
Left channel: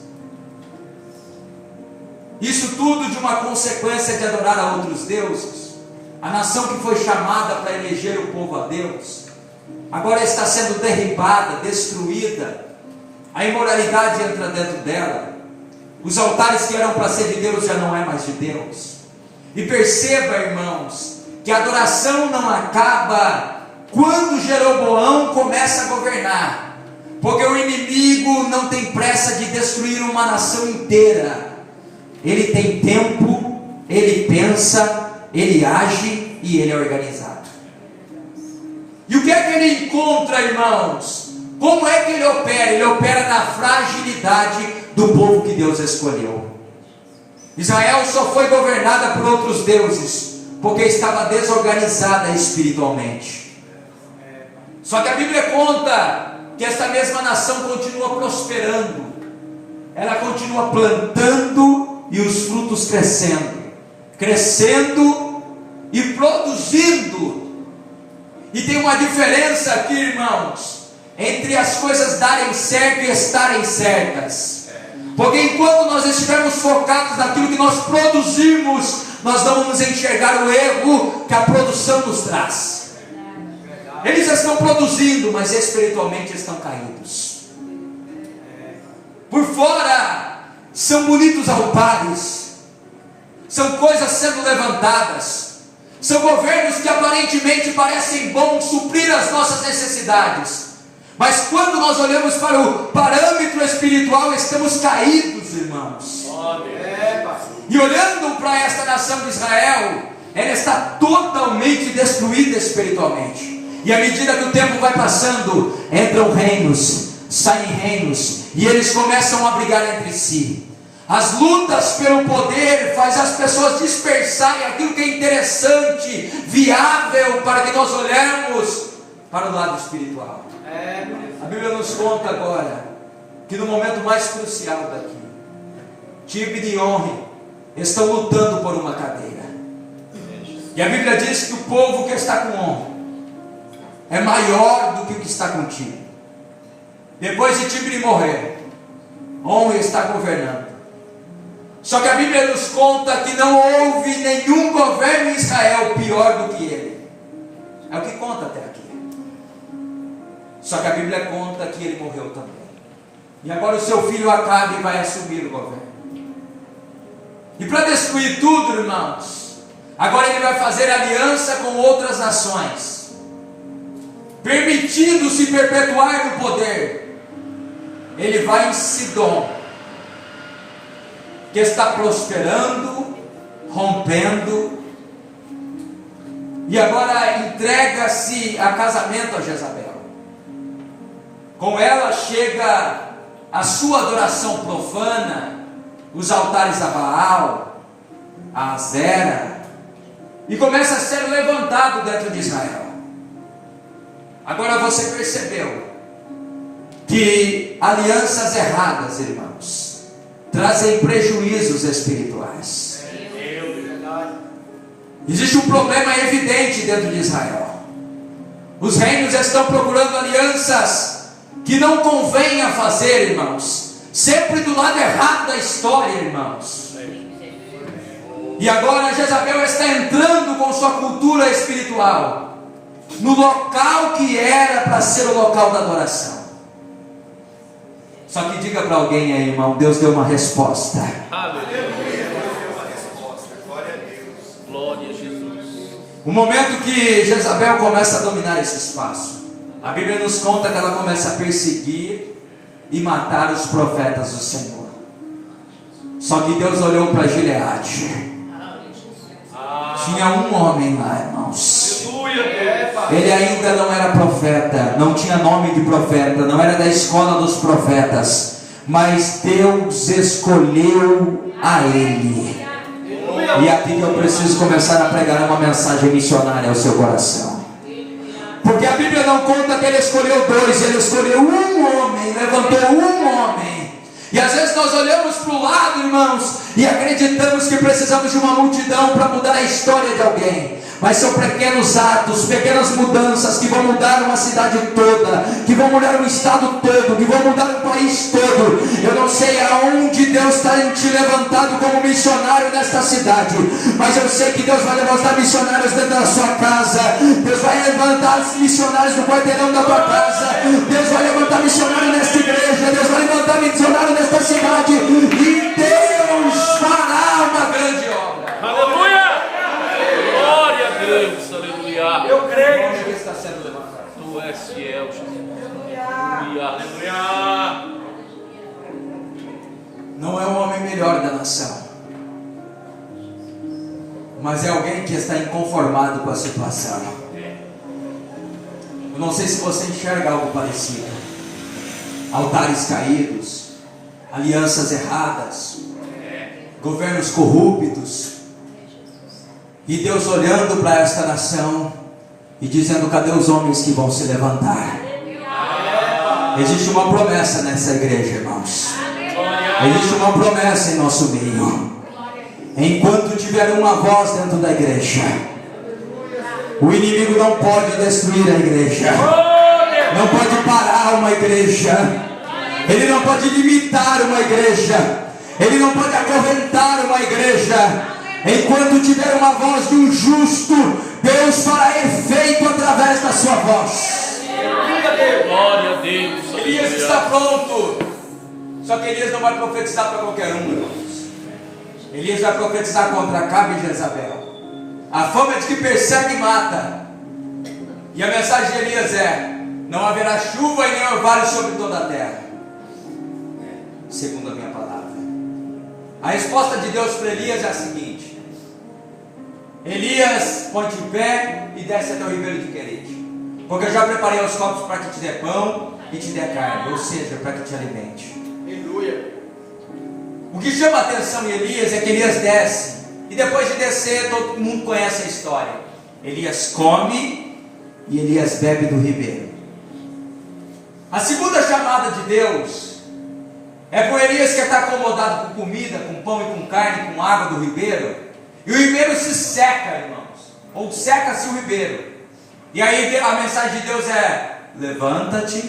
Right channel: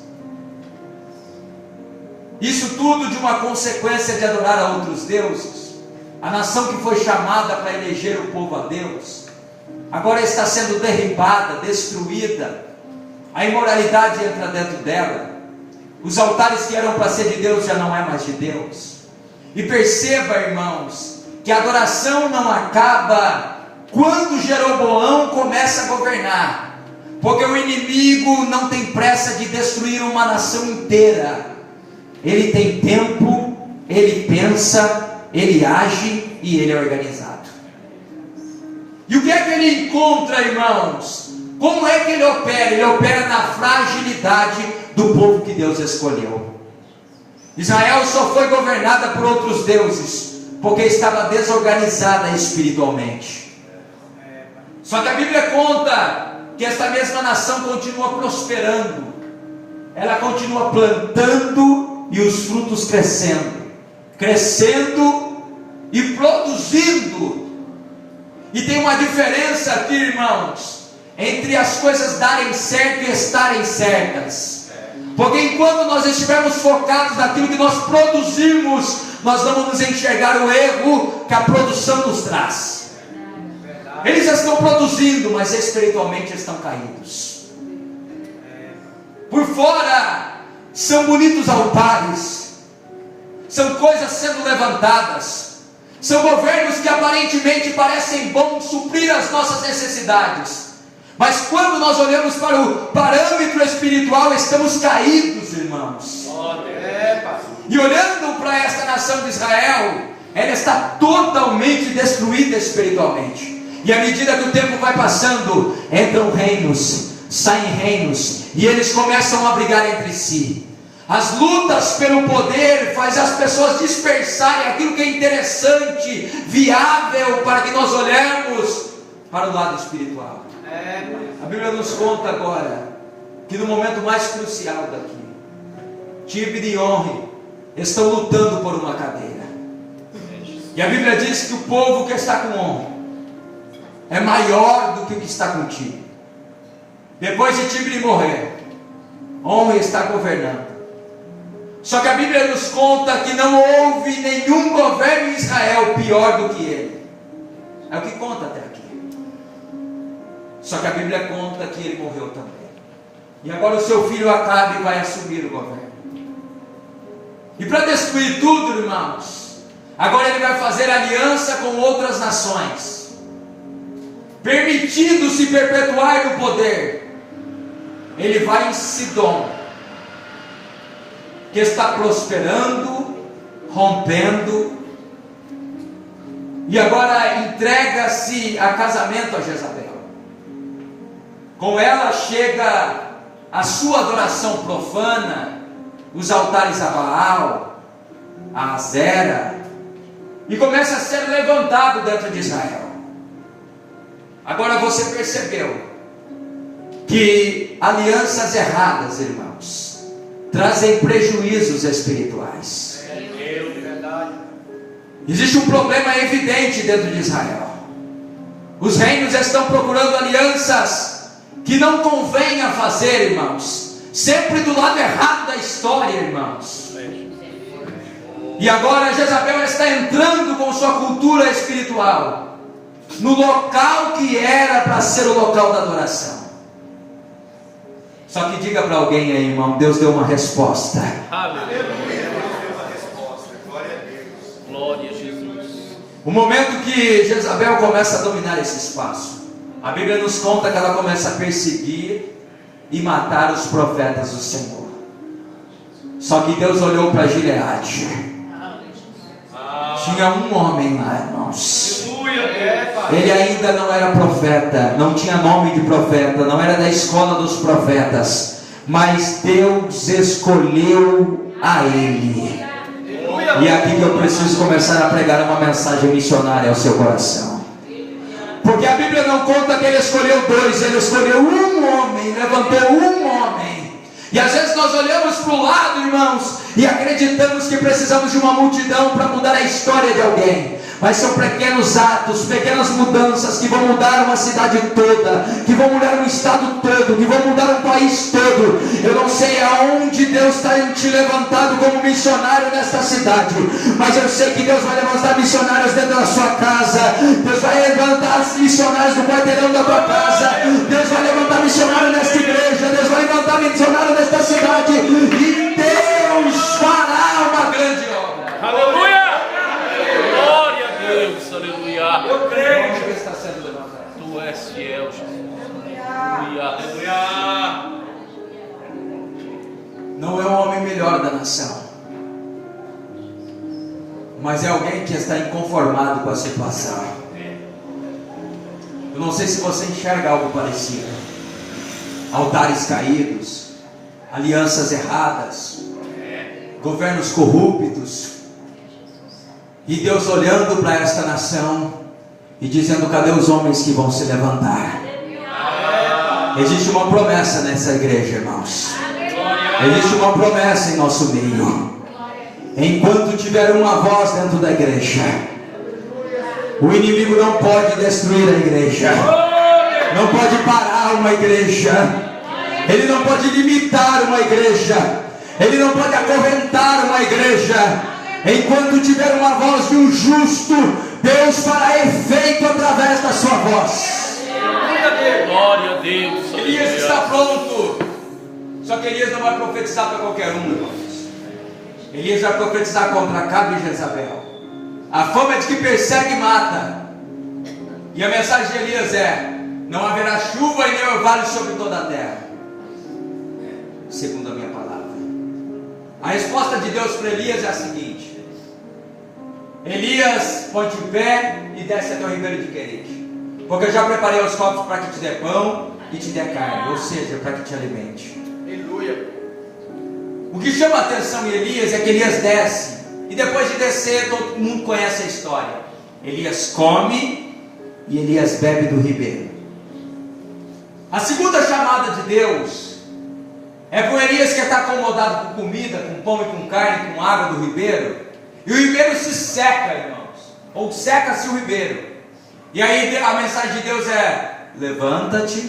Isso tudo de uma consequência de adorar a outros deuses. A nação que foi chamada para eleger o povo a Deus, agora está sendo derribada, destruída. A imoralidade entra dentro dela. Os altares que eram para ser de Deus já não é mais de Deus. E perceba, irmãos, que a adoração não acaba quando Jeroboão começa a governar, porque o inimigo não tem pressa de destruir uma nação inteira. Ele tem tempo, ele pensa, ele age e ele é organizado. E o que é que ele encontra, irmãos? Como é que ele opera? Ele opera na fragilidade do povo que Deus escolheu. Israel só foi governada por outros deuses porque estava desorganizada espiritualmente. Só que a Bíblia conta que esta mesma nação continua prosperando. Ela continua plantando e os frutos crescendo e produzindo. E tem uma diferença aqui, irmãos, entre as coisas darem certo e estarem certas. Porque enquanto nós estivermos focados naquilo que nós produzimos, nós não vamos enxergar o erro que a produção nos traz. Eles estão produzindo, mas espiritualmente estão caídos. Por fora são bonitos altares, são coisas sendo levantadas, são governos que aparentemente parecem bons suprir as nossas necessidades, mas quando nós olhamos para o parâmetro espiritual, estamos caídos, irmãos. E olhando para esta nação de Israel, ela está totalmente destruída espiritualmente. E à medida que o tempo vai passando, entram reinos, saem reinos, e eles começam a brigar entre si. As lutas pelo poder faz as pessoas dispersarem aquilo que é interessante, viável, para que nós olhemos para o lado espiritual. A Bíblia nos conta agora que no momento mais crucial daqui, Tibni e Onri estão lutando por uma cadeira. E a Bíblia diz que o povo que está com Onri é maior do que o que está com Tibni. Depois de Tibni morrer, Onri está governando. Só que a Bíblia nos conta que não houve nenhum governo em Israel pior do que ele. É o que conta até aqui. Só que a Bíblia conta que ele morreu também. E agora o seu filho Acabe vai assumir o governo. E para destruir tudo, irmãos, agora ele vai fazer aliança com outras nações, permitindo-se perpetuar no poder. Ele vai em Sidom, que está prosperando, rompendo, e agora entrega-se a casamento a Jezabel. Com ela chega a sua adoração profana, os altares a Baal, a Azera, e começa a ser levantado dentro de Israel. Agora você percebeu que alianças erradas, irmãos, trazem prejuízos espirituais. Existe um problema evidente dentro de Israel. Os reinos estão procurando alianças que não convém a fazer, irmãos, sempre do lado errado da história, irmãos. E agora Jezabel está entrando com sua cultura espiritual no local que era para ser o local da adoração. Só que diga para alguém aí, irmão, Deus deu uma resposta. Aleluia. Glória a Jesus. O momento que Jezabel começa a dominar esse espaço, a Bíblia nos conta que ela começa a perseguir e matar os profetas do Senhor. Só que Deus olhou para Gileade. Tinha um homem lá, irmãos. Ele ainda não era profeta, não tinha nome de profeta, não era da escola dos profetas, mas Deus escolheu a ele. E é aqui que eu preciso começar a pregar uma mensagem missionária ao seu coração. Porque a Bíblia não conta que ele escolheu dois, ele escolheu um homem, levantou um homem. E às vezes nós olhamos para o lado, irmãos, e acreditamos que precisamos de uma multidão para mudar a história de alguém. Mas são pequenos atos, pequenas mudanças que vão mudar uma cidade toda, que vão mudar um estado todo, que vão mudar um país todo. Eu não sei aonde Deus está te levantado como missionário nesta cidade, mas eu sei que Deus vai levantar missionários dentro da sua casa. Deus vai levantar missionários no quarteirão da tua casa. Deus vai levantar missionário nesta igreja. Deus vai levantar missionário nesta cidade. E Deus fará uma grande obra. Aleluia. Glória a Deus. Aleluia. Eu creio que está sendo levantado. Tu és fiel, Jesus. Aleluia. Aleluia. Não é o homem melhor da nação, mas é alguém que está inconformado com a situação. Eu não sei se você enxerga algo parecido. Altares caídos, alianças erradas, governos corruptos, e Deus olhando para esta nação e dizendo: cadê os homens que vão se levantar? Existe uma promessa nessa igreja, irmãos. Existe uma promessa em nosso meio. Enquanto tiver uma voz dentro da igreja, o inimigo não pode destruir a igreja, não pode parar uma igreja, ele não pode limitar uma igreja, ele não pode acorrentar uma igreja. Enquanto tiver uma voz de um justo, Deus fará efeito através da sua voz. Glória a Deus. Elias está pronto. Só que Elias não vai profetizar para qualquer um, irmãos. Elias vai profetizar contra Acabe e Jezabel. A fama é de que persegue e mata. E a mensagem de Elias é: não haverá chuva e nem orvalho sobre toda a terra, segundo a minha palavra. A resposta de Deus para Elias é a seguinte: Elias, põe-te em pé e desce até o ribeiro de Querite, porque eu já preparei os copos para que te dê pão e te dê carne, ou seja, para que te alimente. Aleluia. O que chama a atenção em Elias é que Elias desce, e depois de descer, todo mundo conhece a história. Elias come e Elias bebe do ribeiro. A segunda chamada de Deus é para o Elias que está acomodado com comida, com pão e com carne, com água do ribeiro, e o ribeiro se seca, irmãos, ou seca-se o ribeiro. E aí a mensagem de Deus é: levanta-te,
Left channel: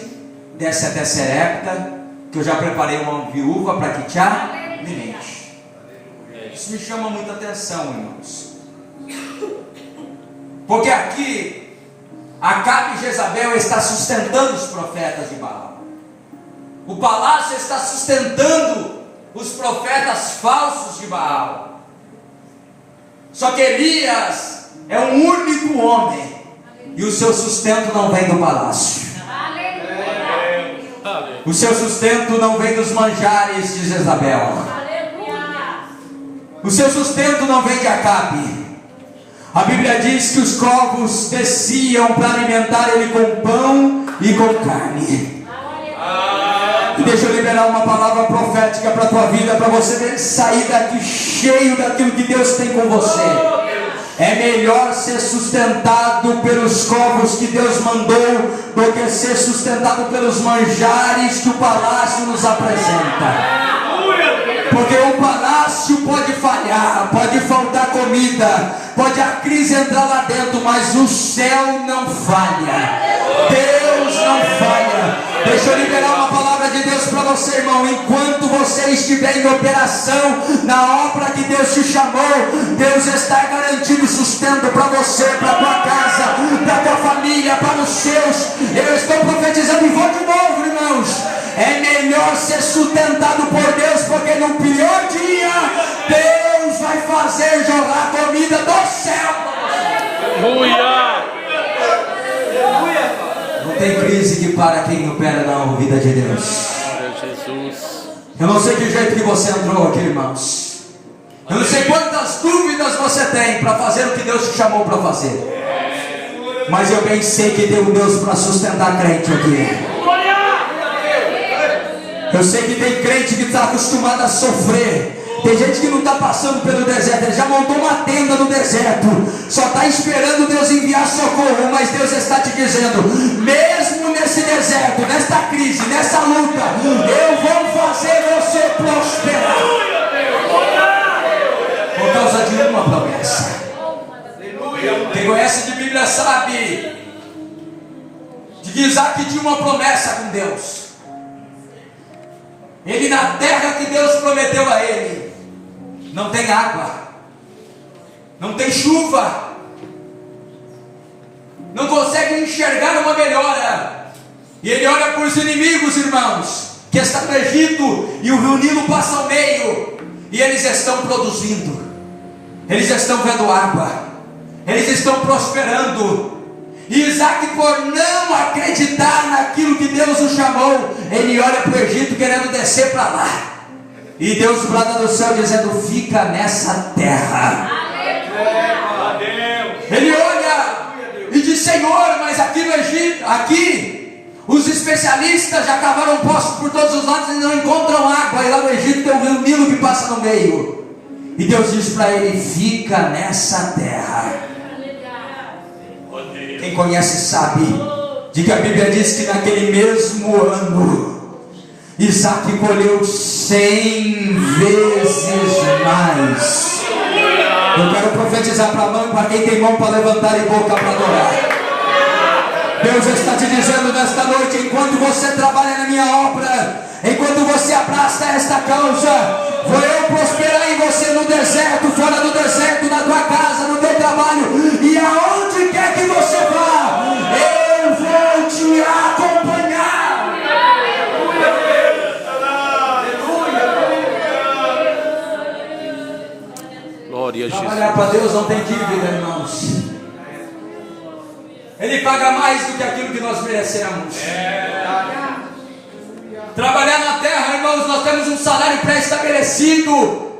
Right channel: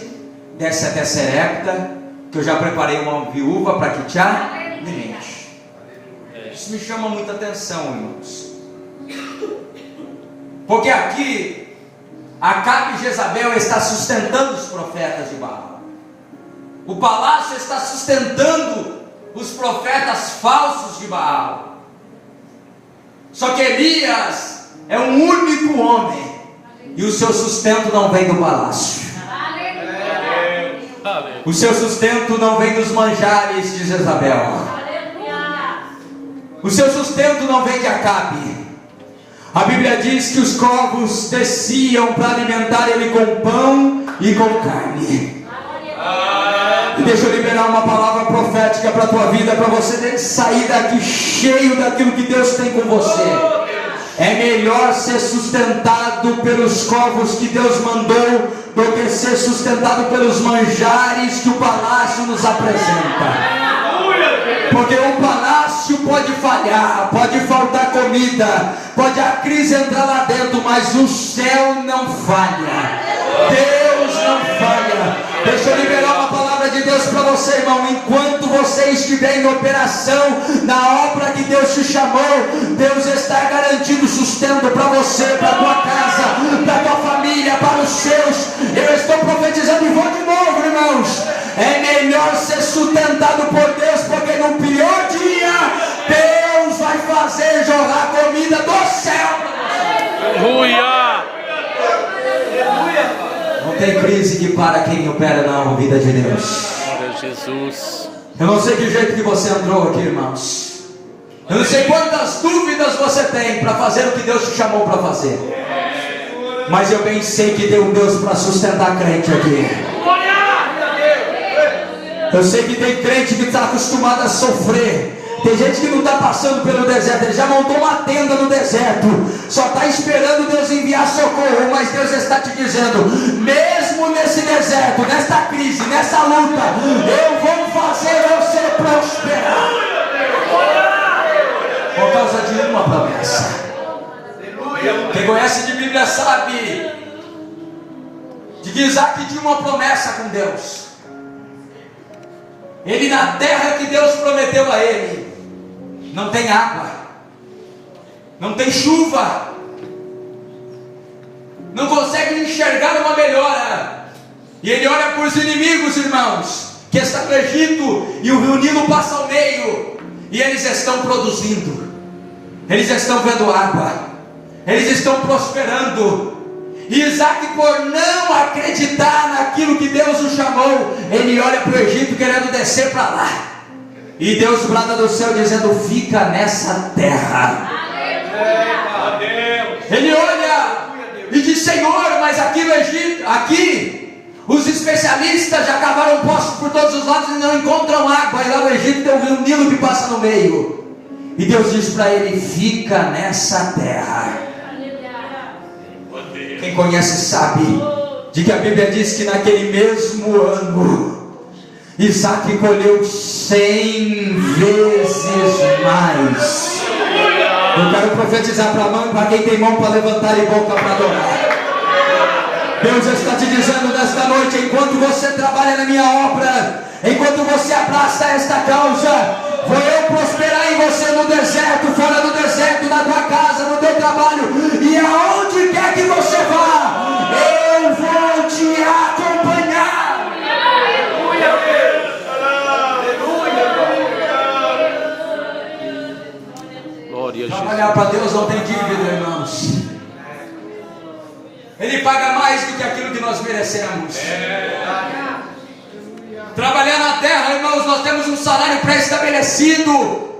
desce até Serepta, que eu já preparei uma viúva para que te alimente. Isso me chama muita atenção, irmãos, porque aqui Acabe e Jezabel está sustentando os profetas de Baal. O palácio está sustentando os profetas falsos de Baal. Só que Elias é um único homem, e o seu sustento não vem do palácio. O seu sustento não vem dos manjares de Jezabel. O seu sustento não vem de Acabe. A Bíblia diz que os corvos desciam para alimentar ele com pão e com carne. E deixa eu liberar uma palavra profética para a tua vida, para você sair daqui cheio daquilo que Deus tem com você. É melhor ser sustentado pelos corvos que Deus mandou do que ser sustentado pelos manjares que o palácio nos apresenta. Porque o palácio pode falhar, pode faltar comida, pode a crise entrar lá dentro, mas o céu não falha. Deus não falha. Deixa eu liberar uma palavra de Deus para você, irmão. Enquanto você estiver em operação na obra que Deus te chamou, Deus está garantindo sustento para você, para a tua casa, para a tua família, para os seus. Eu estou profetizando e vou de novo, irmãos. É melhor ser sustentado por Deus, porque no pior dia Deus vai fazer jorrar comida do céu. Aleluia! Não tem crise que para quem opera na vida de Deus. Glória a Jesus. Eu não sei que jeito que você entrou aqui, irmãos. Eu não sei quantas dúvidas você tem para fazer o que Deus te chamou para fazer. Mas eu bem sei que tem um Deus para sustentar crente aqui. Eu sei que tem crente que está acostumado a sofrer. Tem gente que não está passando pelo deserto, ele já montou uma tenda no deserto, só está esperando Deus enviar socorro. Mas Deus está te dizendo: mesmo nesse deserto, nesta crise, nessa luta, eu vou fazer você prosperar. Por causa de uma promessa. Quem conhece de Bíblia sabe de que Isaac tinha uma promessa com Deus. Ele, na terra que Deus prometeu a ele, não tem água, não tem chuva, não consegue enxergar uma melhora. E ele olha para os inimigos, irmãos, que estão no Egito, e o Rio Nilo passa ao meio, e eles estão produzindo, eles estão vendo água, eles estão prosperando. E Isaac, por não acreditar naquilo que Deus o chamou, ele olha para o Egito querendo descer para lá, e Deus brada do céu dizendo: fica nessa terra. Ele olha e diz: Senhor, mas aqui no Egito, aqui os especialistas já cavaram poços por todos os lados e não encontram água, e lá no Egito tem o Rio Nilo que passa no meio. E Deus diz para ele: fica nessa terra. Quem conhece sabe de que a Bíblia diz que naquele mesmo ano Isaac colheu 100 vezes mais. Eu quero profetizar para quem tem mão para levantar e boca para adorar. Deus está te dizendo nesta noite: enquanto você trabalha na minha obra, enquanto você abraça esta causa, vou eu prosperar em você no deserto, fora do deserto, na tua casa, no teu trabalho, e aonde quer que você vá, eu vou te acompanhar. Glória a Jesus. Trabalhar para Deus não tem dívida, irmãos. Ele paga mais do que aquilo que nós merecemos. Trabalhar na terra, irmãos, nós temos um salário pré-estabelecido,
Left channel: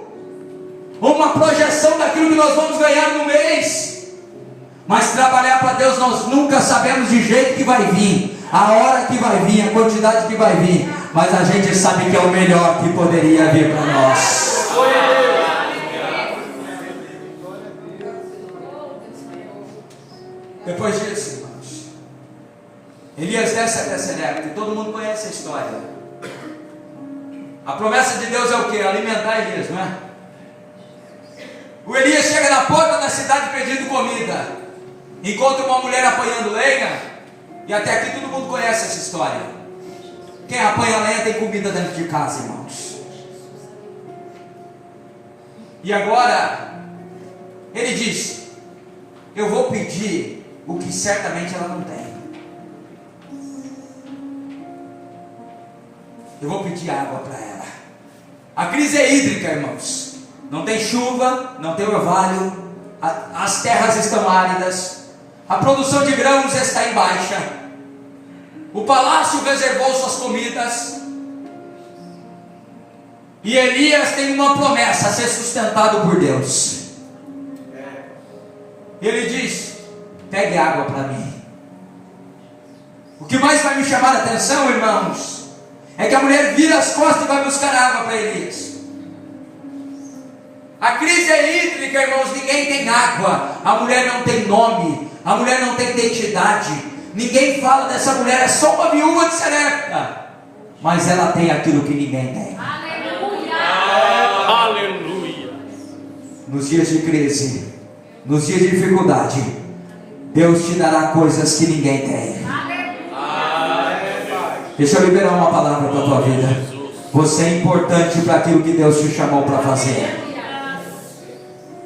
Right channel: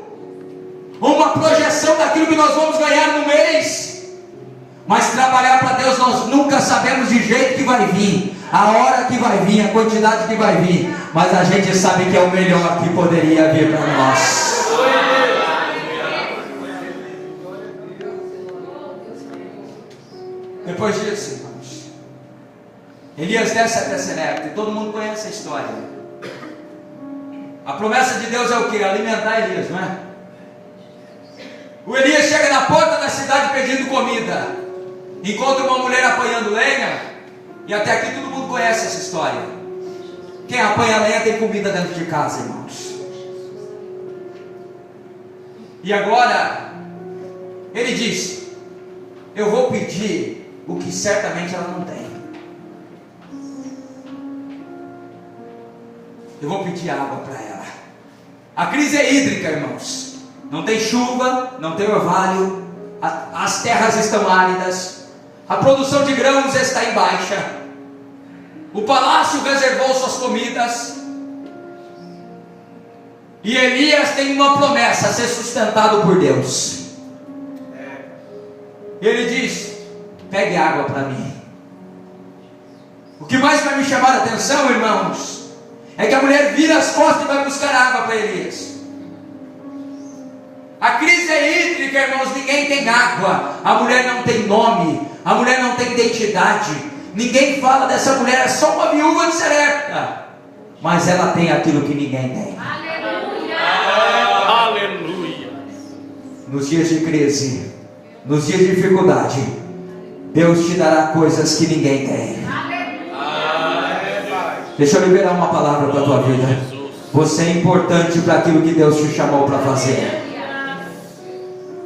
uma projeção daquilo que nós vamos ganhar no mês. Mas trabalhar para Deus, nós nunca sabemos de jeito que vai vir. a hora que vai vir, a quantidade que vai vir, mas a gente sabe que é o melhor que poderia vir para nós. Depois disso, irmãos, Elias desce até Serepta, e todo mundo conhece a história. A promessa de Deus é o que? Alimentar Elias, não é? O Elias chega na porta da cidade pedindo comida, encontra uma mulher apanhando lenha, e até aqui todo mundo conhece essa história. Quem apanha lenha tem comida dentro de casa, irmãos. E agora ele diz: eu vou pedir o que certamente ela não tem. Eu vou pedir água para ela. A crise é hídrica, irmãos. Não tem chuva, não tem orvalho, as terras estão áridas, a produção de grãos está em baixa, o palácio reservou suas comidas, e Elias tem uma promessa: ser sustentado por Deus. Ele diz: pegue água para mim. O que mais vai me chamar a atenção, irmãos, é que a mulher vira as costas e vai buscar água para Elias. A crise é hídrica, irmãos. Ninguém tem água, a mulher não tem nome, a mulher não tem identidade, ninguém fala dessa mulher, é só uma viúva de Serepta, mas ela tem aquilo que ninguém tem. Aleluia. Nos dias de crise, nos dias de dificuldade, Deus te dará coisas que ninguém tem. Deixa eu liberar uma palavra para a tua vida. Você é importante para aquilo que Deus te chamou para fazer.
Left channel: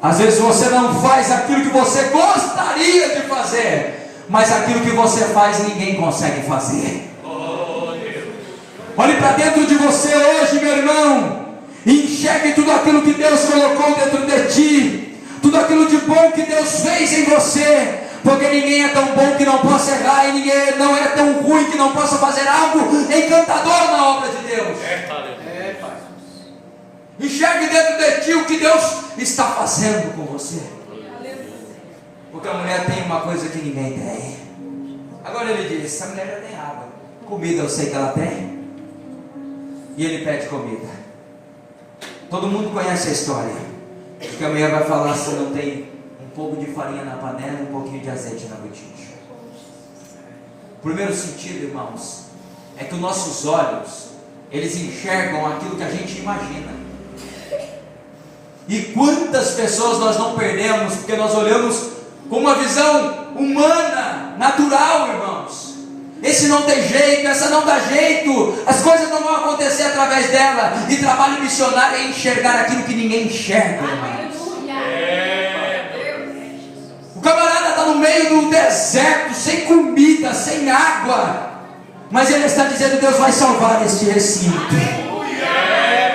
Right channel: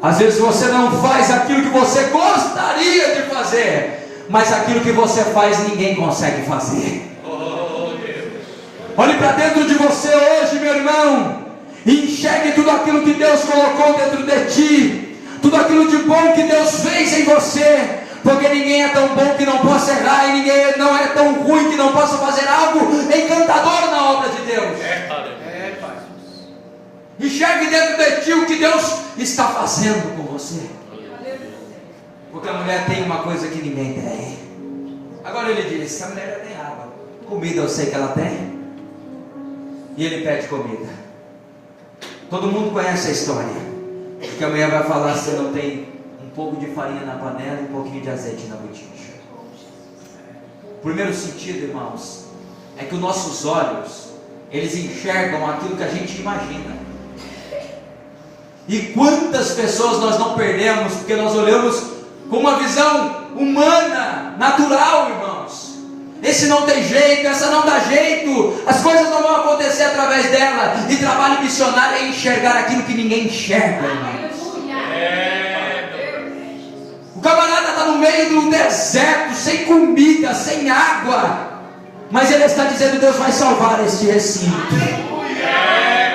Às vezes você não faz aquilo que você gostaria de fazer, mas aquilo que você faz ninguém consegue fazer. Olhe para dentro de você hoje, meu irmão, e enxergue tudo aquilo que Deus colocou dentro de ti, tudo aquilo de bom que Deus fez em você, porque ninguém é tão bom que não possa errar, e ninguém não é tão ruim que não possa fazer algo encantador na obra de Deus. Enxergue dentro de ti o que Deus está fazendo com você, porque a mulher tem uma coisa que ninguém tem. Agora ele diz: essa mulher já tem água, comida eu sei que ela tem, e ele pede comida. Todo mundo conhece a história, porque a mulher vai falar: se não tem um pouco de farinha na panela e um pouquinho de azeite na botija. O primeiro sentido, irmãos, é que os nossos olhos, eles enxergam aquilo que a gente imagina. E quantas pessoas nós não perdemos porque nós olhamos com uma visão humana, natural, irmãos. Esse não tem jeito, essa não dá jeito, as coisas não vão acontecer através dela. E trabalho missionário é enxergar aquilo que ninguém enxerga, irmãos. O camarada está no meio do deserto, sem comida, sem água, mas ele está dizendo: Deus vai salvar este recinto,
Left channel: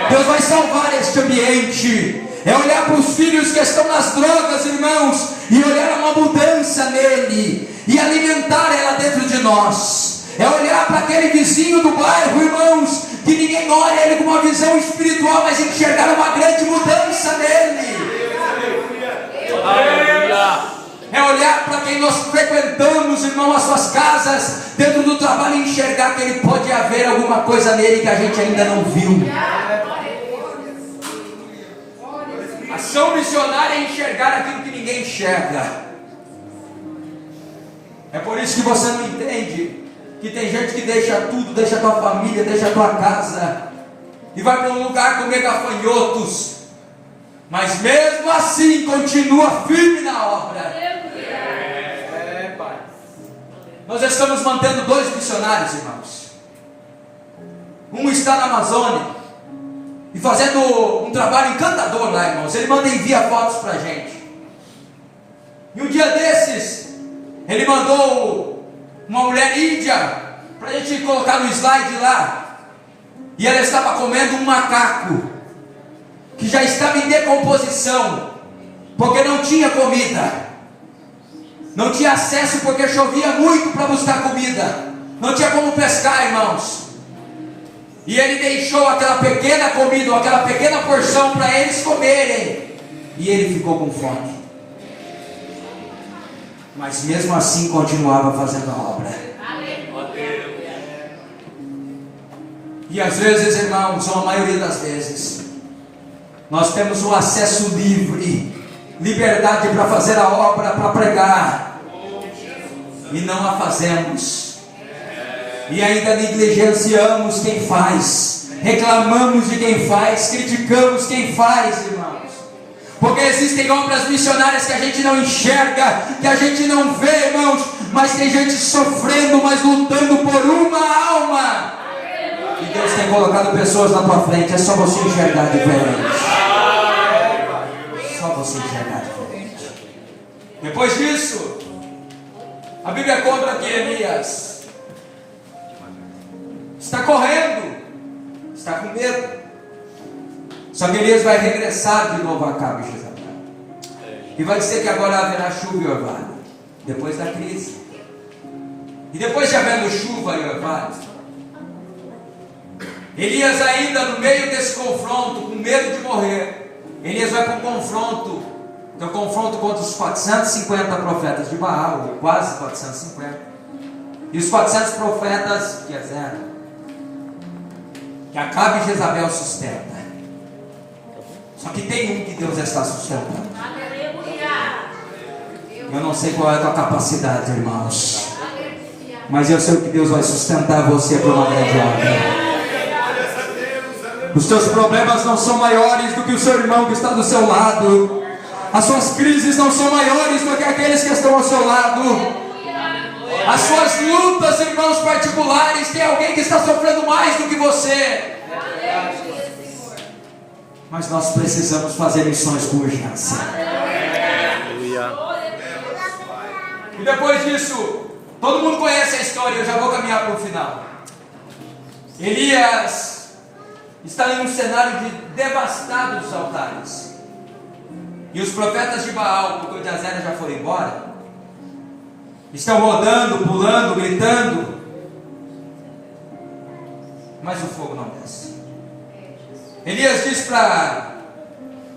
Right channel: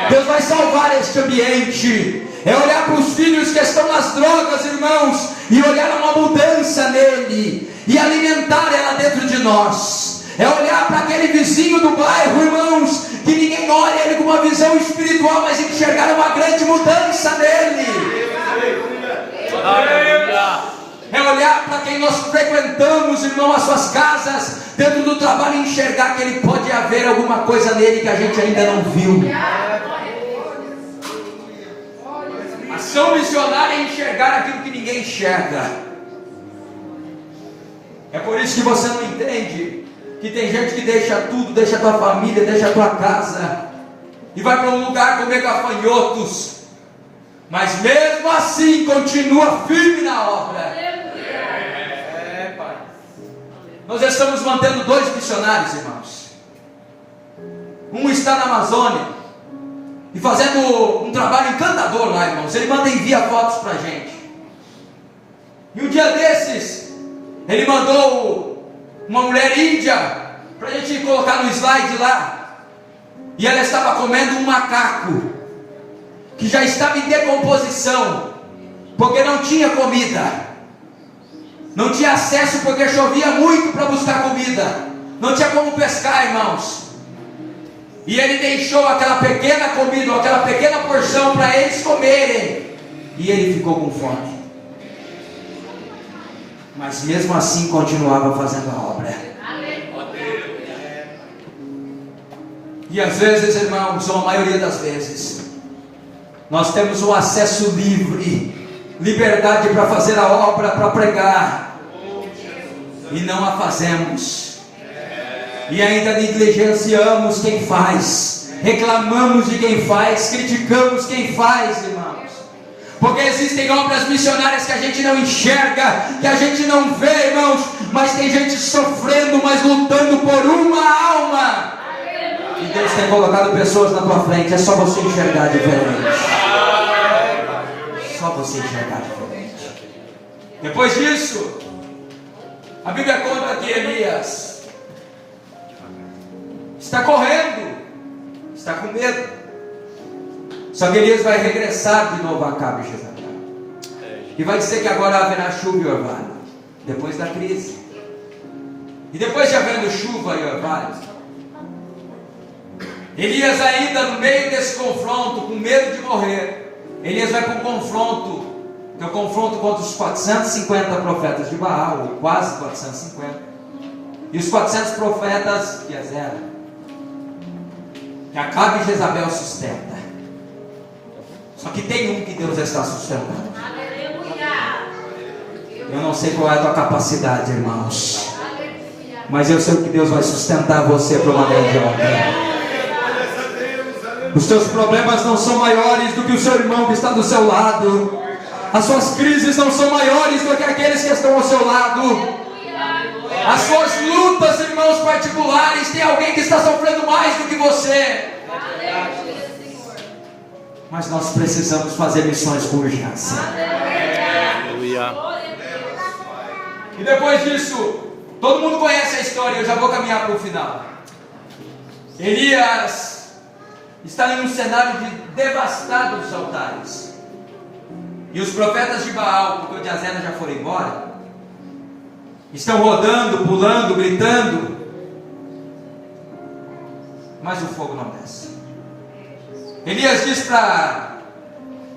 Deus vai salvar este ambiente. É olhar para os filhos que estão nas drogas, irmãos, e olhar uma mudança nele, e alimentar ela dentro de nós. É olhar para aquele vizinho do bairro, irmãos, que ninguém olha ele com uma visão espiritual, mas enxergar uma grande mudança nele. É olhar para quem nós frequentamos, irmão, as suas casas, dentro do trabalho, e enxergar que ele pode haver alguma coisa nele que a gente ainda não viu. Ação missionária é enxergar aquilo que ninguém enxerga. É por isso que você não entende que tem gente que deixa tudo, deixa a tua família, deixa a tua casa e vai para um lugar comer gafanhotos, mas mesmo assim continua firme na obra. Pai. Nós estamos mantendo 2 missionários, irmãos. Um está na Amazônia e fazendo um trabalho encantador lá, irmãos. Ele manda enviar fotos para a gente. E um dia desses, ele mandou uma mulher índia para a gente colocar no slide lá. E ela estava comendo um macaco que já estava em decomposição, porque não tinha comida, não tinha acesso porque chovia muito para buscar comida, não tinha como pescar, irmãos. E ele deixou aquela pequena comida, ou aquela pequena porção para eles comerem, e ele ficou com fome, mas mesmo assim continuava fazendo a obra. E às vezes, irmãos, ou a maioria das vezes, nós temos um acesso livre, liberdade para fazer a obra, para pregar, e não a fazemos, e ainda negligenciamos quem faz, reclamamos de quem faz, criticamos quem faz, irmãos. Porque existem obras missionárias que a gente não enxerga, que a gente não vê, irmãos, mas tem gente sofrendo, mas lutando por uma alma. E Deus tem colocado pessoas na tua frente, é só você enxergar diferente. Só você enxergar diferente. Depois disso, a Bíblia conta que Elias está correndo, está com medo. Só que Elias vai regressar de novo a Acabe e Jezabel. E vai dizer que agora haverá chuva e orvalho. Depois da crise. E depois de havendo chuva e orvalho, Elias ainda no meio desse confronto, com medo de morrer, Elias vai para um confronto, que é o confronto contra os 450 profetas de Baal, ou quase 450. E os 400 profetas de Jezabel, que Acabe e Jezabel sustenta. Só que tem um que Deus está sustentando. Eu não sei qual é a tua capacidade, irmãos, mas eu sei que Deus vai sustentar você para uma grande obra. Os teus problemas não são maiores do que o seu irmão que está do seu lado. As suas crises não são maiores do que aqueles que estão ao seu lado. As suas lutas, irmãos particulares, tem alguém que está sofrendo mais do que você. Mas nós precisamos fazer missões com urgência. E depois disso, todo mundo conhece a história, eu já vou caminhar para o final. Elias está em um cenário de devastado dos altares. E os profetas de Baal, porque o de Azera já foram embora, estão rodando, pulando, gritando, mas o fogo não desce. Elias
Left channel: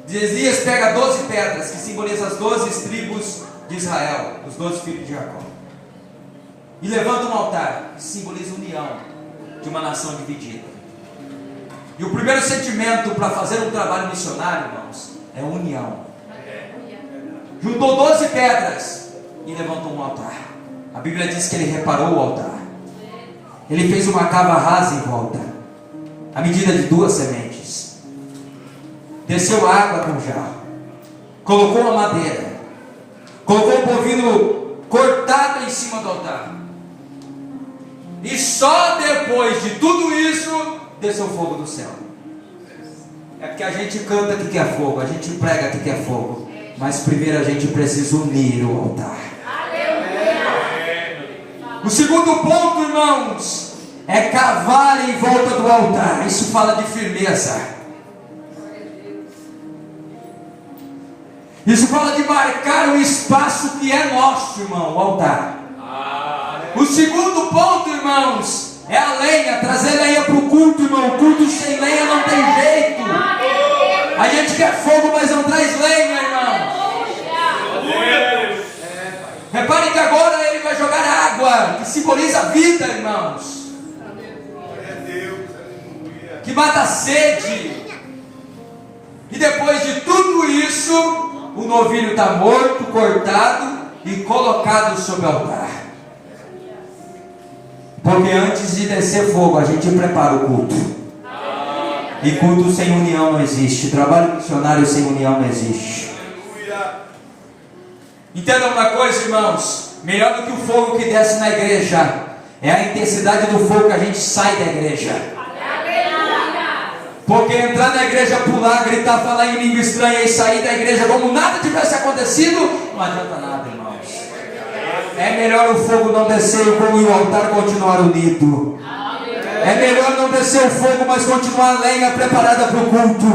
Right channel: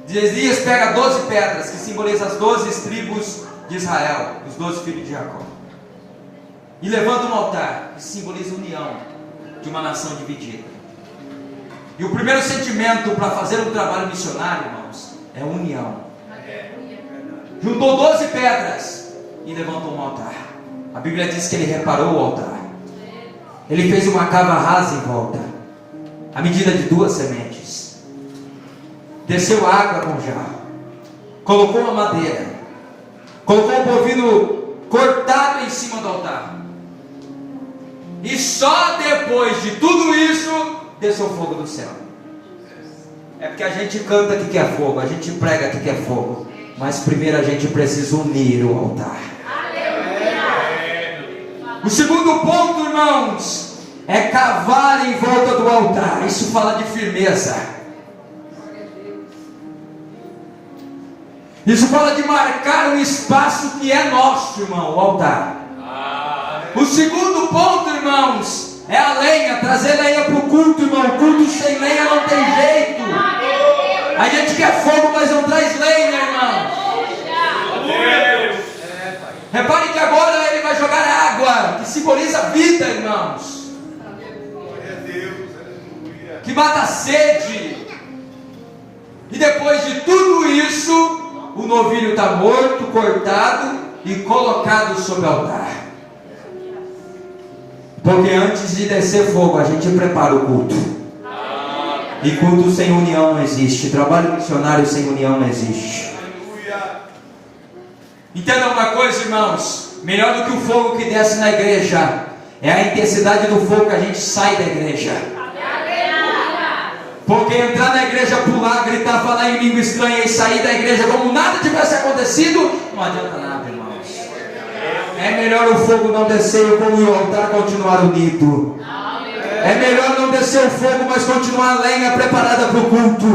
Elias pega 12 pedras, que simbolizam as 12 tribos de Israel, os 12 filhos de Jacó, e levanta um altar, que simboliza a união de uma nação dividida. E o primeiro sentimento para fazer um trabalho missionário, irmãos, é união. Juntou 12 pedras e levantou um altar. A Bíblia diz que ele reparou o altar. Ele fez uma cava rasa em volta, a medida de 2 sementes. Desceu água com jarro, colocou a madeira, colocou o bovino cortado em cima do altar. E só depois de tudo isso, desceu o fogo do céu. É porque a gente canta que quer fogo, a gente prega que quer fogo, mas primeiro a gente precisa unir o altar. O segundo ponto, irmãos, é cavar em volta do altar. Isso fala de firmeza. Isso fala de marcar um espaço que é nosso, irmão, o altar. O segundo ponto, irmãos, é a lenha, trazer lenha para o culto, irmão. Culto sem lenha não tem jeito. A gente quer fogo, mas não traz lenha, irmão. Repare que agora ele vai jogar água, que simboliza a vida, irmãos, que mata a sede. E depois de tudo isso, o novilho está morto, cortado e colocado sobre o altar. Porque antes de descer fogo, a gente prepara o culto. E culto sem união não existe. Trabalho missionário sem união não existe. Entenda uma coisa, irmãos. Melhor do que o fogo que desce na igreja é a intensidade do fogo que a gente sai da igreja. Porque entrar na igreja, pular, gritar, falar em língua estranha e sair da igreja como nada tivesse acontecido, não adianta nada, irmãos. É melhor o fogo não descer e o altar continuar unido. É melhor não descer o fogo, mas continuar a lenha preparada para o culto.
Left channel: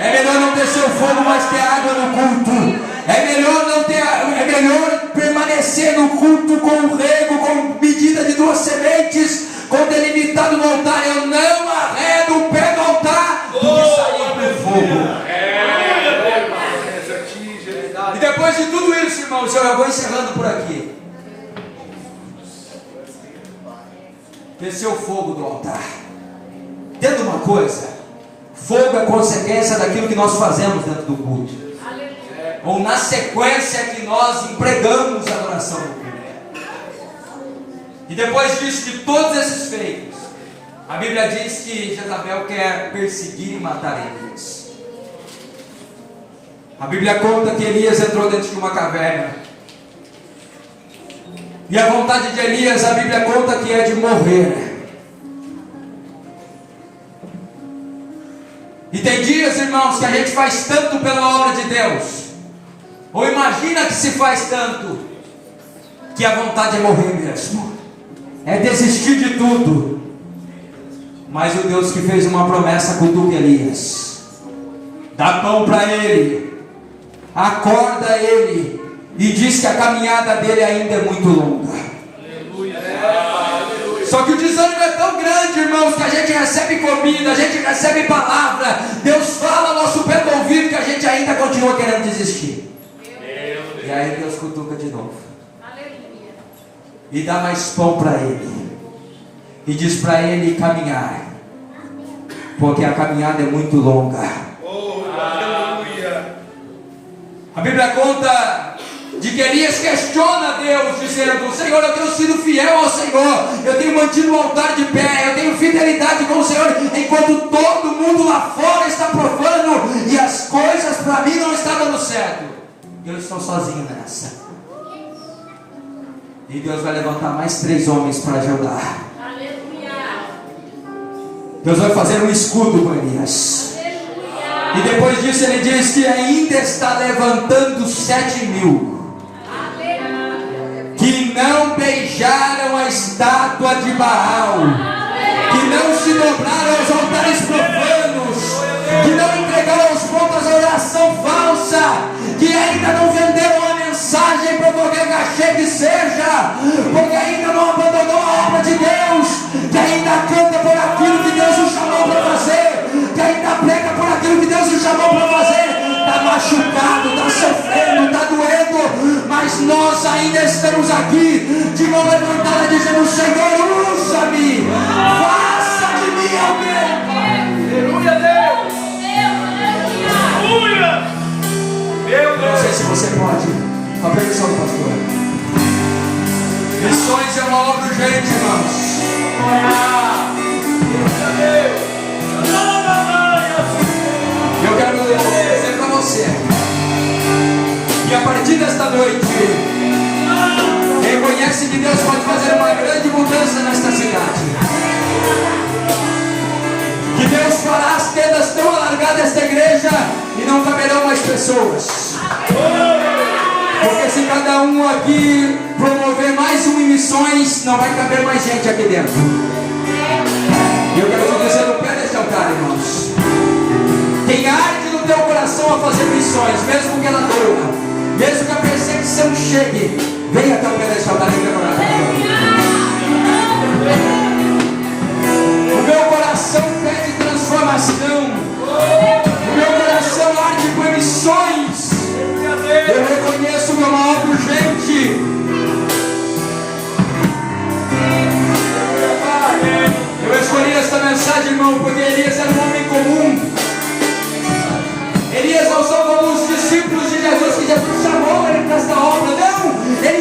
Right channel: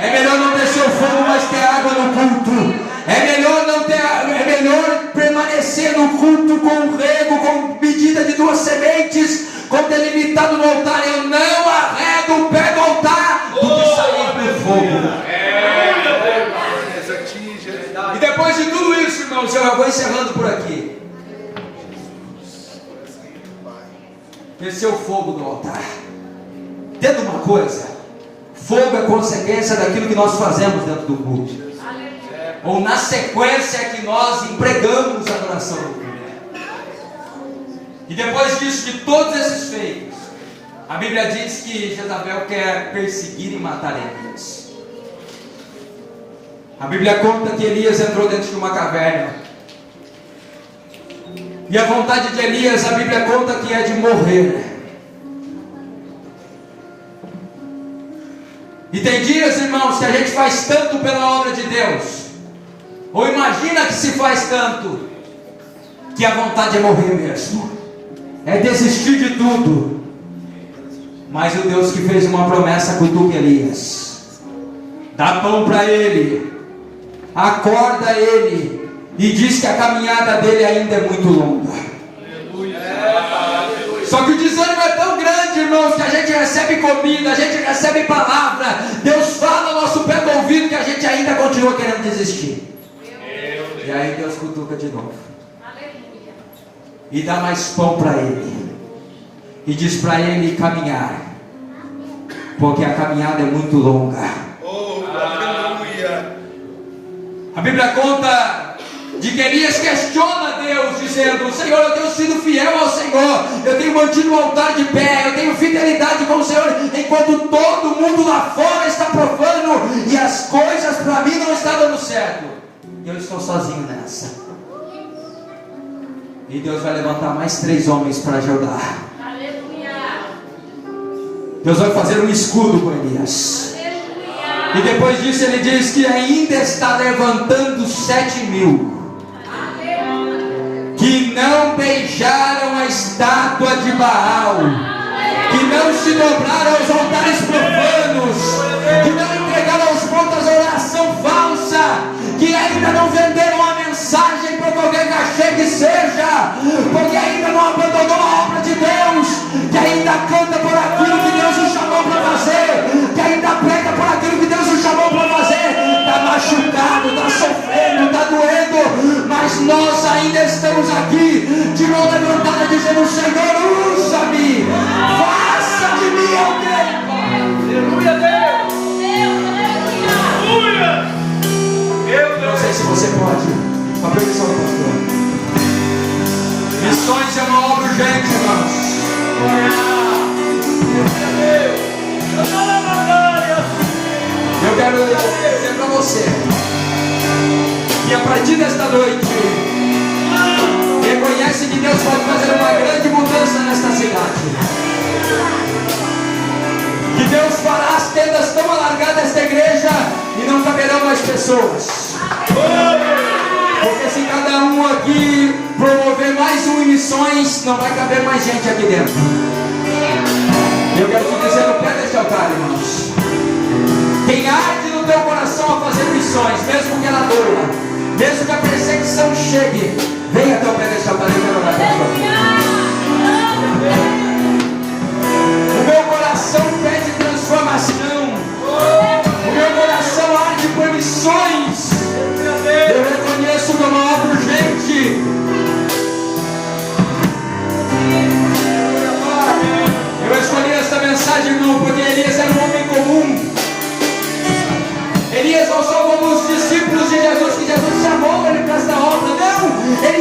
É melhor não descer o fogo, mas ter água no culto. É melhor permanecer no culto com rego, com medida de 2 sementes, com delimitado no altar. Eu não arredo o pé do altar do que sair para o fogo. E depois de tudo isso, irmãos, eu vou encerrando por aqui. Desceu o fogo do altar. Entenda uma coisa: fogo é consequência daquilo que nós fazemos dentro do culto, ou na sequência que nós empregamos a adoração do culto. E depois disso, de todos esses feitos, a Bíblia diz que Jezabel quer perseguir e matar Elias. A Bíblia conta que Elias entrou dentro de uma caverna, e a vontade de Elias, a Bíblia conta que é de morrer. E tem dias, irmãos, que a gente faz tanto pela obra de Deus, ou imagina que se faz tanto, que a vontade é morrer mesmo, é desistir de tudo. Mas o Deus que fez uma promessa cutuca Elias, dá pão para ele, acorda ele, e diz que a caminhada dele ainda é muito longa. Só que o desânimo é tão grande, irmãos, que a gente recebe comida, a gente recebe palavra, Deus fala ao nosso pé do ouvido, que a gente ainda continua querendo desistir. E aí Deus cutuca de novo, e dá mais pão para ele, e diz para ele caminhar, porque a caminhada é muito longa. A Bíblia conta de que Elias questiona Deus, dizendo: Senhor, eu tenho sido fiel ao Senhor, eu tenho mantido o altar de pé, eu tenho fidelidade com o Senhor, enquanto todo mundo lá fora está profano, e as coisas para mim não estão dando certo, e eu estou sozinho nessa. E Deus vai levantar mais 3 homens para ajudar. Deus vai fazer um escudo com Elias. E depois disso ele diz que ainda está levantando 7.000 que não beijaram a estátua de Baal, que não se dobraram aos altares profanos, que não entregaram aos pontos a oração falsa, que ainda não venderam a mensagem por qualquer cachê que seja, porque ainda não abandonou a obra de Deus, que ainda canta por aquilo que Deus o chamou para fazer, que ainda prega por aquilo que Deus o chamou para fazer. Está machucado, está sofrendo, está doendo, mas nós ainda estamos aqui de mão levantada dizendo: Senhor, usa-me, faça de mim alguém. Aleluia, Deus. Não sei se você pode, com a permissão do pastor. Missões é uma obra urgente, irmãos. Eu quero dizer para você que a partir desta noite, reconhece que Deus pode fazer uma grande mudança nesta cidade, que Deus fará as tendas tão alargadas desta igreja e não caberão mais pessoas, porque se cada um aqui promover mais um em missões, não vai caber mais gente aqui dentro. Eu quero te dizer no pé deste altar, irmãos, quem arde no teu coração a fazer missões, mesmo que ela doa, mesmo que a perseguição chegue, venha até o pé deste altar e orar por Deus. O meu coração pede transformação, o meu coração arde por missões. Eu reconheço que é uma obra urgente. Eu escolhi esta mensagem, irmão, porque Elias era um homem comum. Elias não só como os discípulos de Jesus, que Jesus chamou ele para esta obra. Não, ele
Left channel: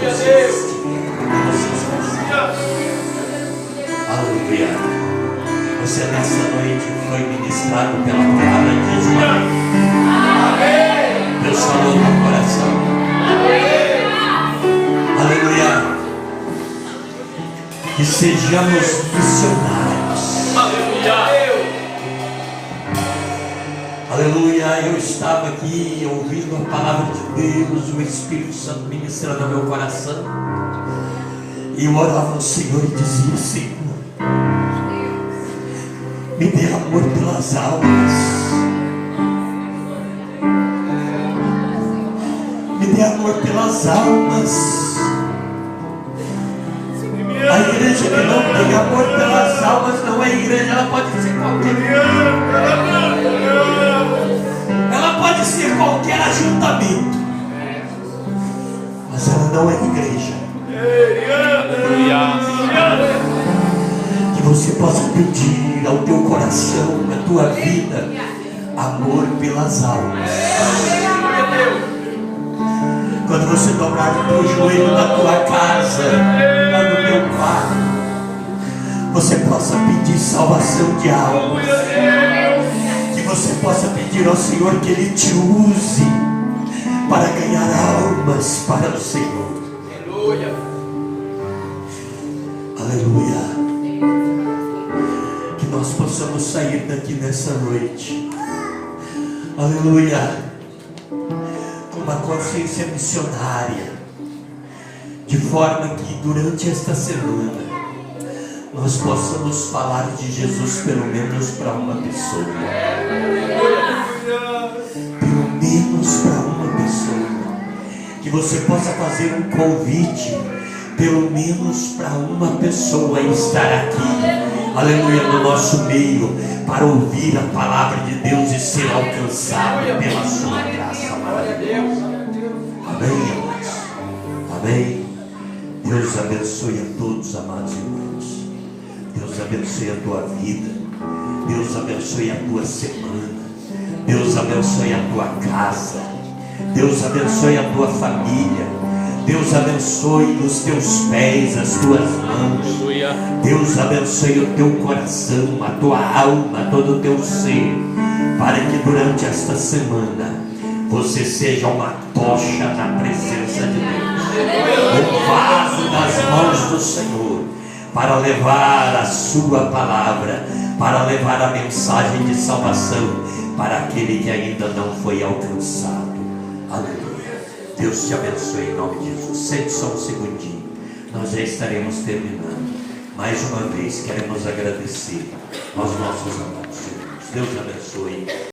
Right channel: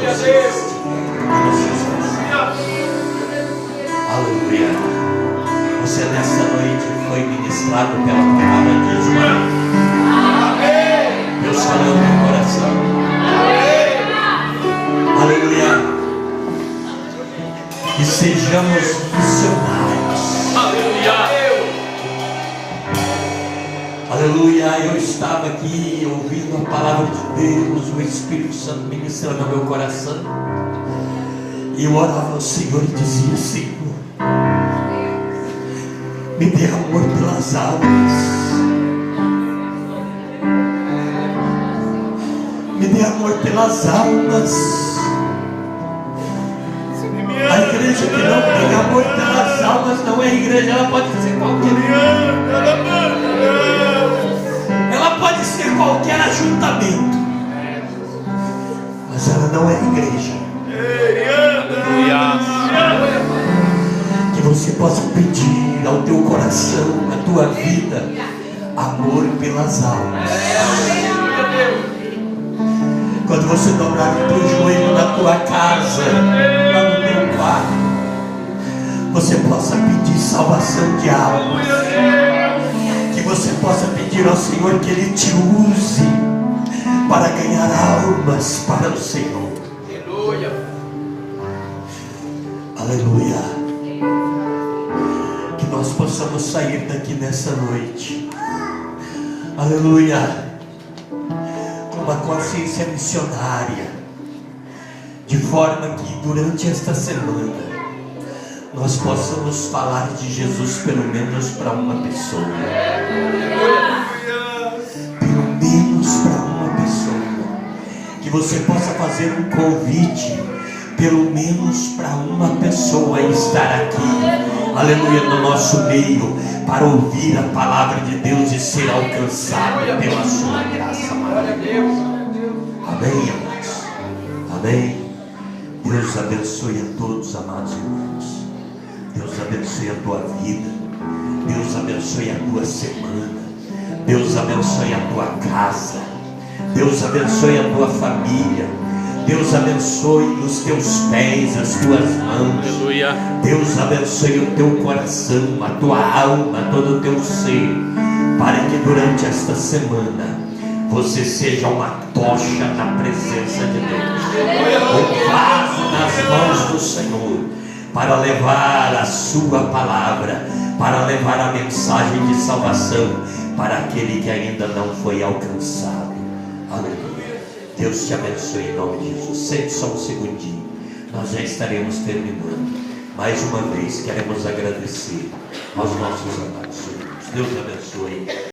você estiver. Aleluia. Você nessa noite foi ministrado pela palavra de Jesus. Deus falou no meu coração. Aleluia. Que sejamos missionários. Aleluia. Eu estava aqui ouvindo a palavra de Deus, o Espírito Santo ministrando no meu coração. E eu orava ao Senhor e dizia: Senhor, me dê amor pelas almas. Me dê amor pelas almas. A igreja que não tem amor pelas almas não é igreja, ela pode ser qualquer. Ela pode ser qualquer ajuntamento, mas ela não é igreja. Que você possa pedir ao teu coração, à tua vida, amor pelas almas. Quando você dobrar o teu joelho na tua casa, lá no teu quarto, você possa pedir salvação de almas. Que você possa pedir ao Senhor que Ele te use para ganhar almas para o Senhor. Aleluia. Que nós possamos sair daqui nessa noite, aleluia, com uma consciência missionária, de forma que durante esta semana nós possamos falar de Jesus pelo menos para uma pessoa. Pelo menos para uma pessoa. Que você possa fazer um convite pelo menos para uma pessoa estar aqui, aleluia, no nosso meio, para ouvir a palavra de Deus e ser alcançado pela sua graça. Amém, amados? Amém. Deus abençoe a todos, amados irmãos. Deus abençoe a tua vida. Deus abençoe a tua semana. Deus abençoe a tua casa. Deus abençoe a tua família. Deus abençoe os teus pés, as tuas mãos. Deus abençoe o teu coração, a tua alma, todo o teu ser, para que durante esta semana você seja uma tocha na presença de Deus, um vaso nas mãos do Senhor, para levar a sua palavra, para levar a mensagem de salvação para aquele que ainda não foi alcançado. Aleluia. Deus te abençoe em nome de Jesus. Sente só um segundinho, nós já estaremos terminando. Mais uma vez queremos agradecer aos nossos amados irmãos. Deus abençoe.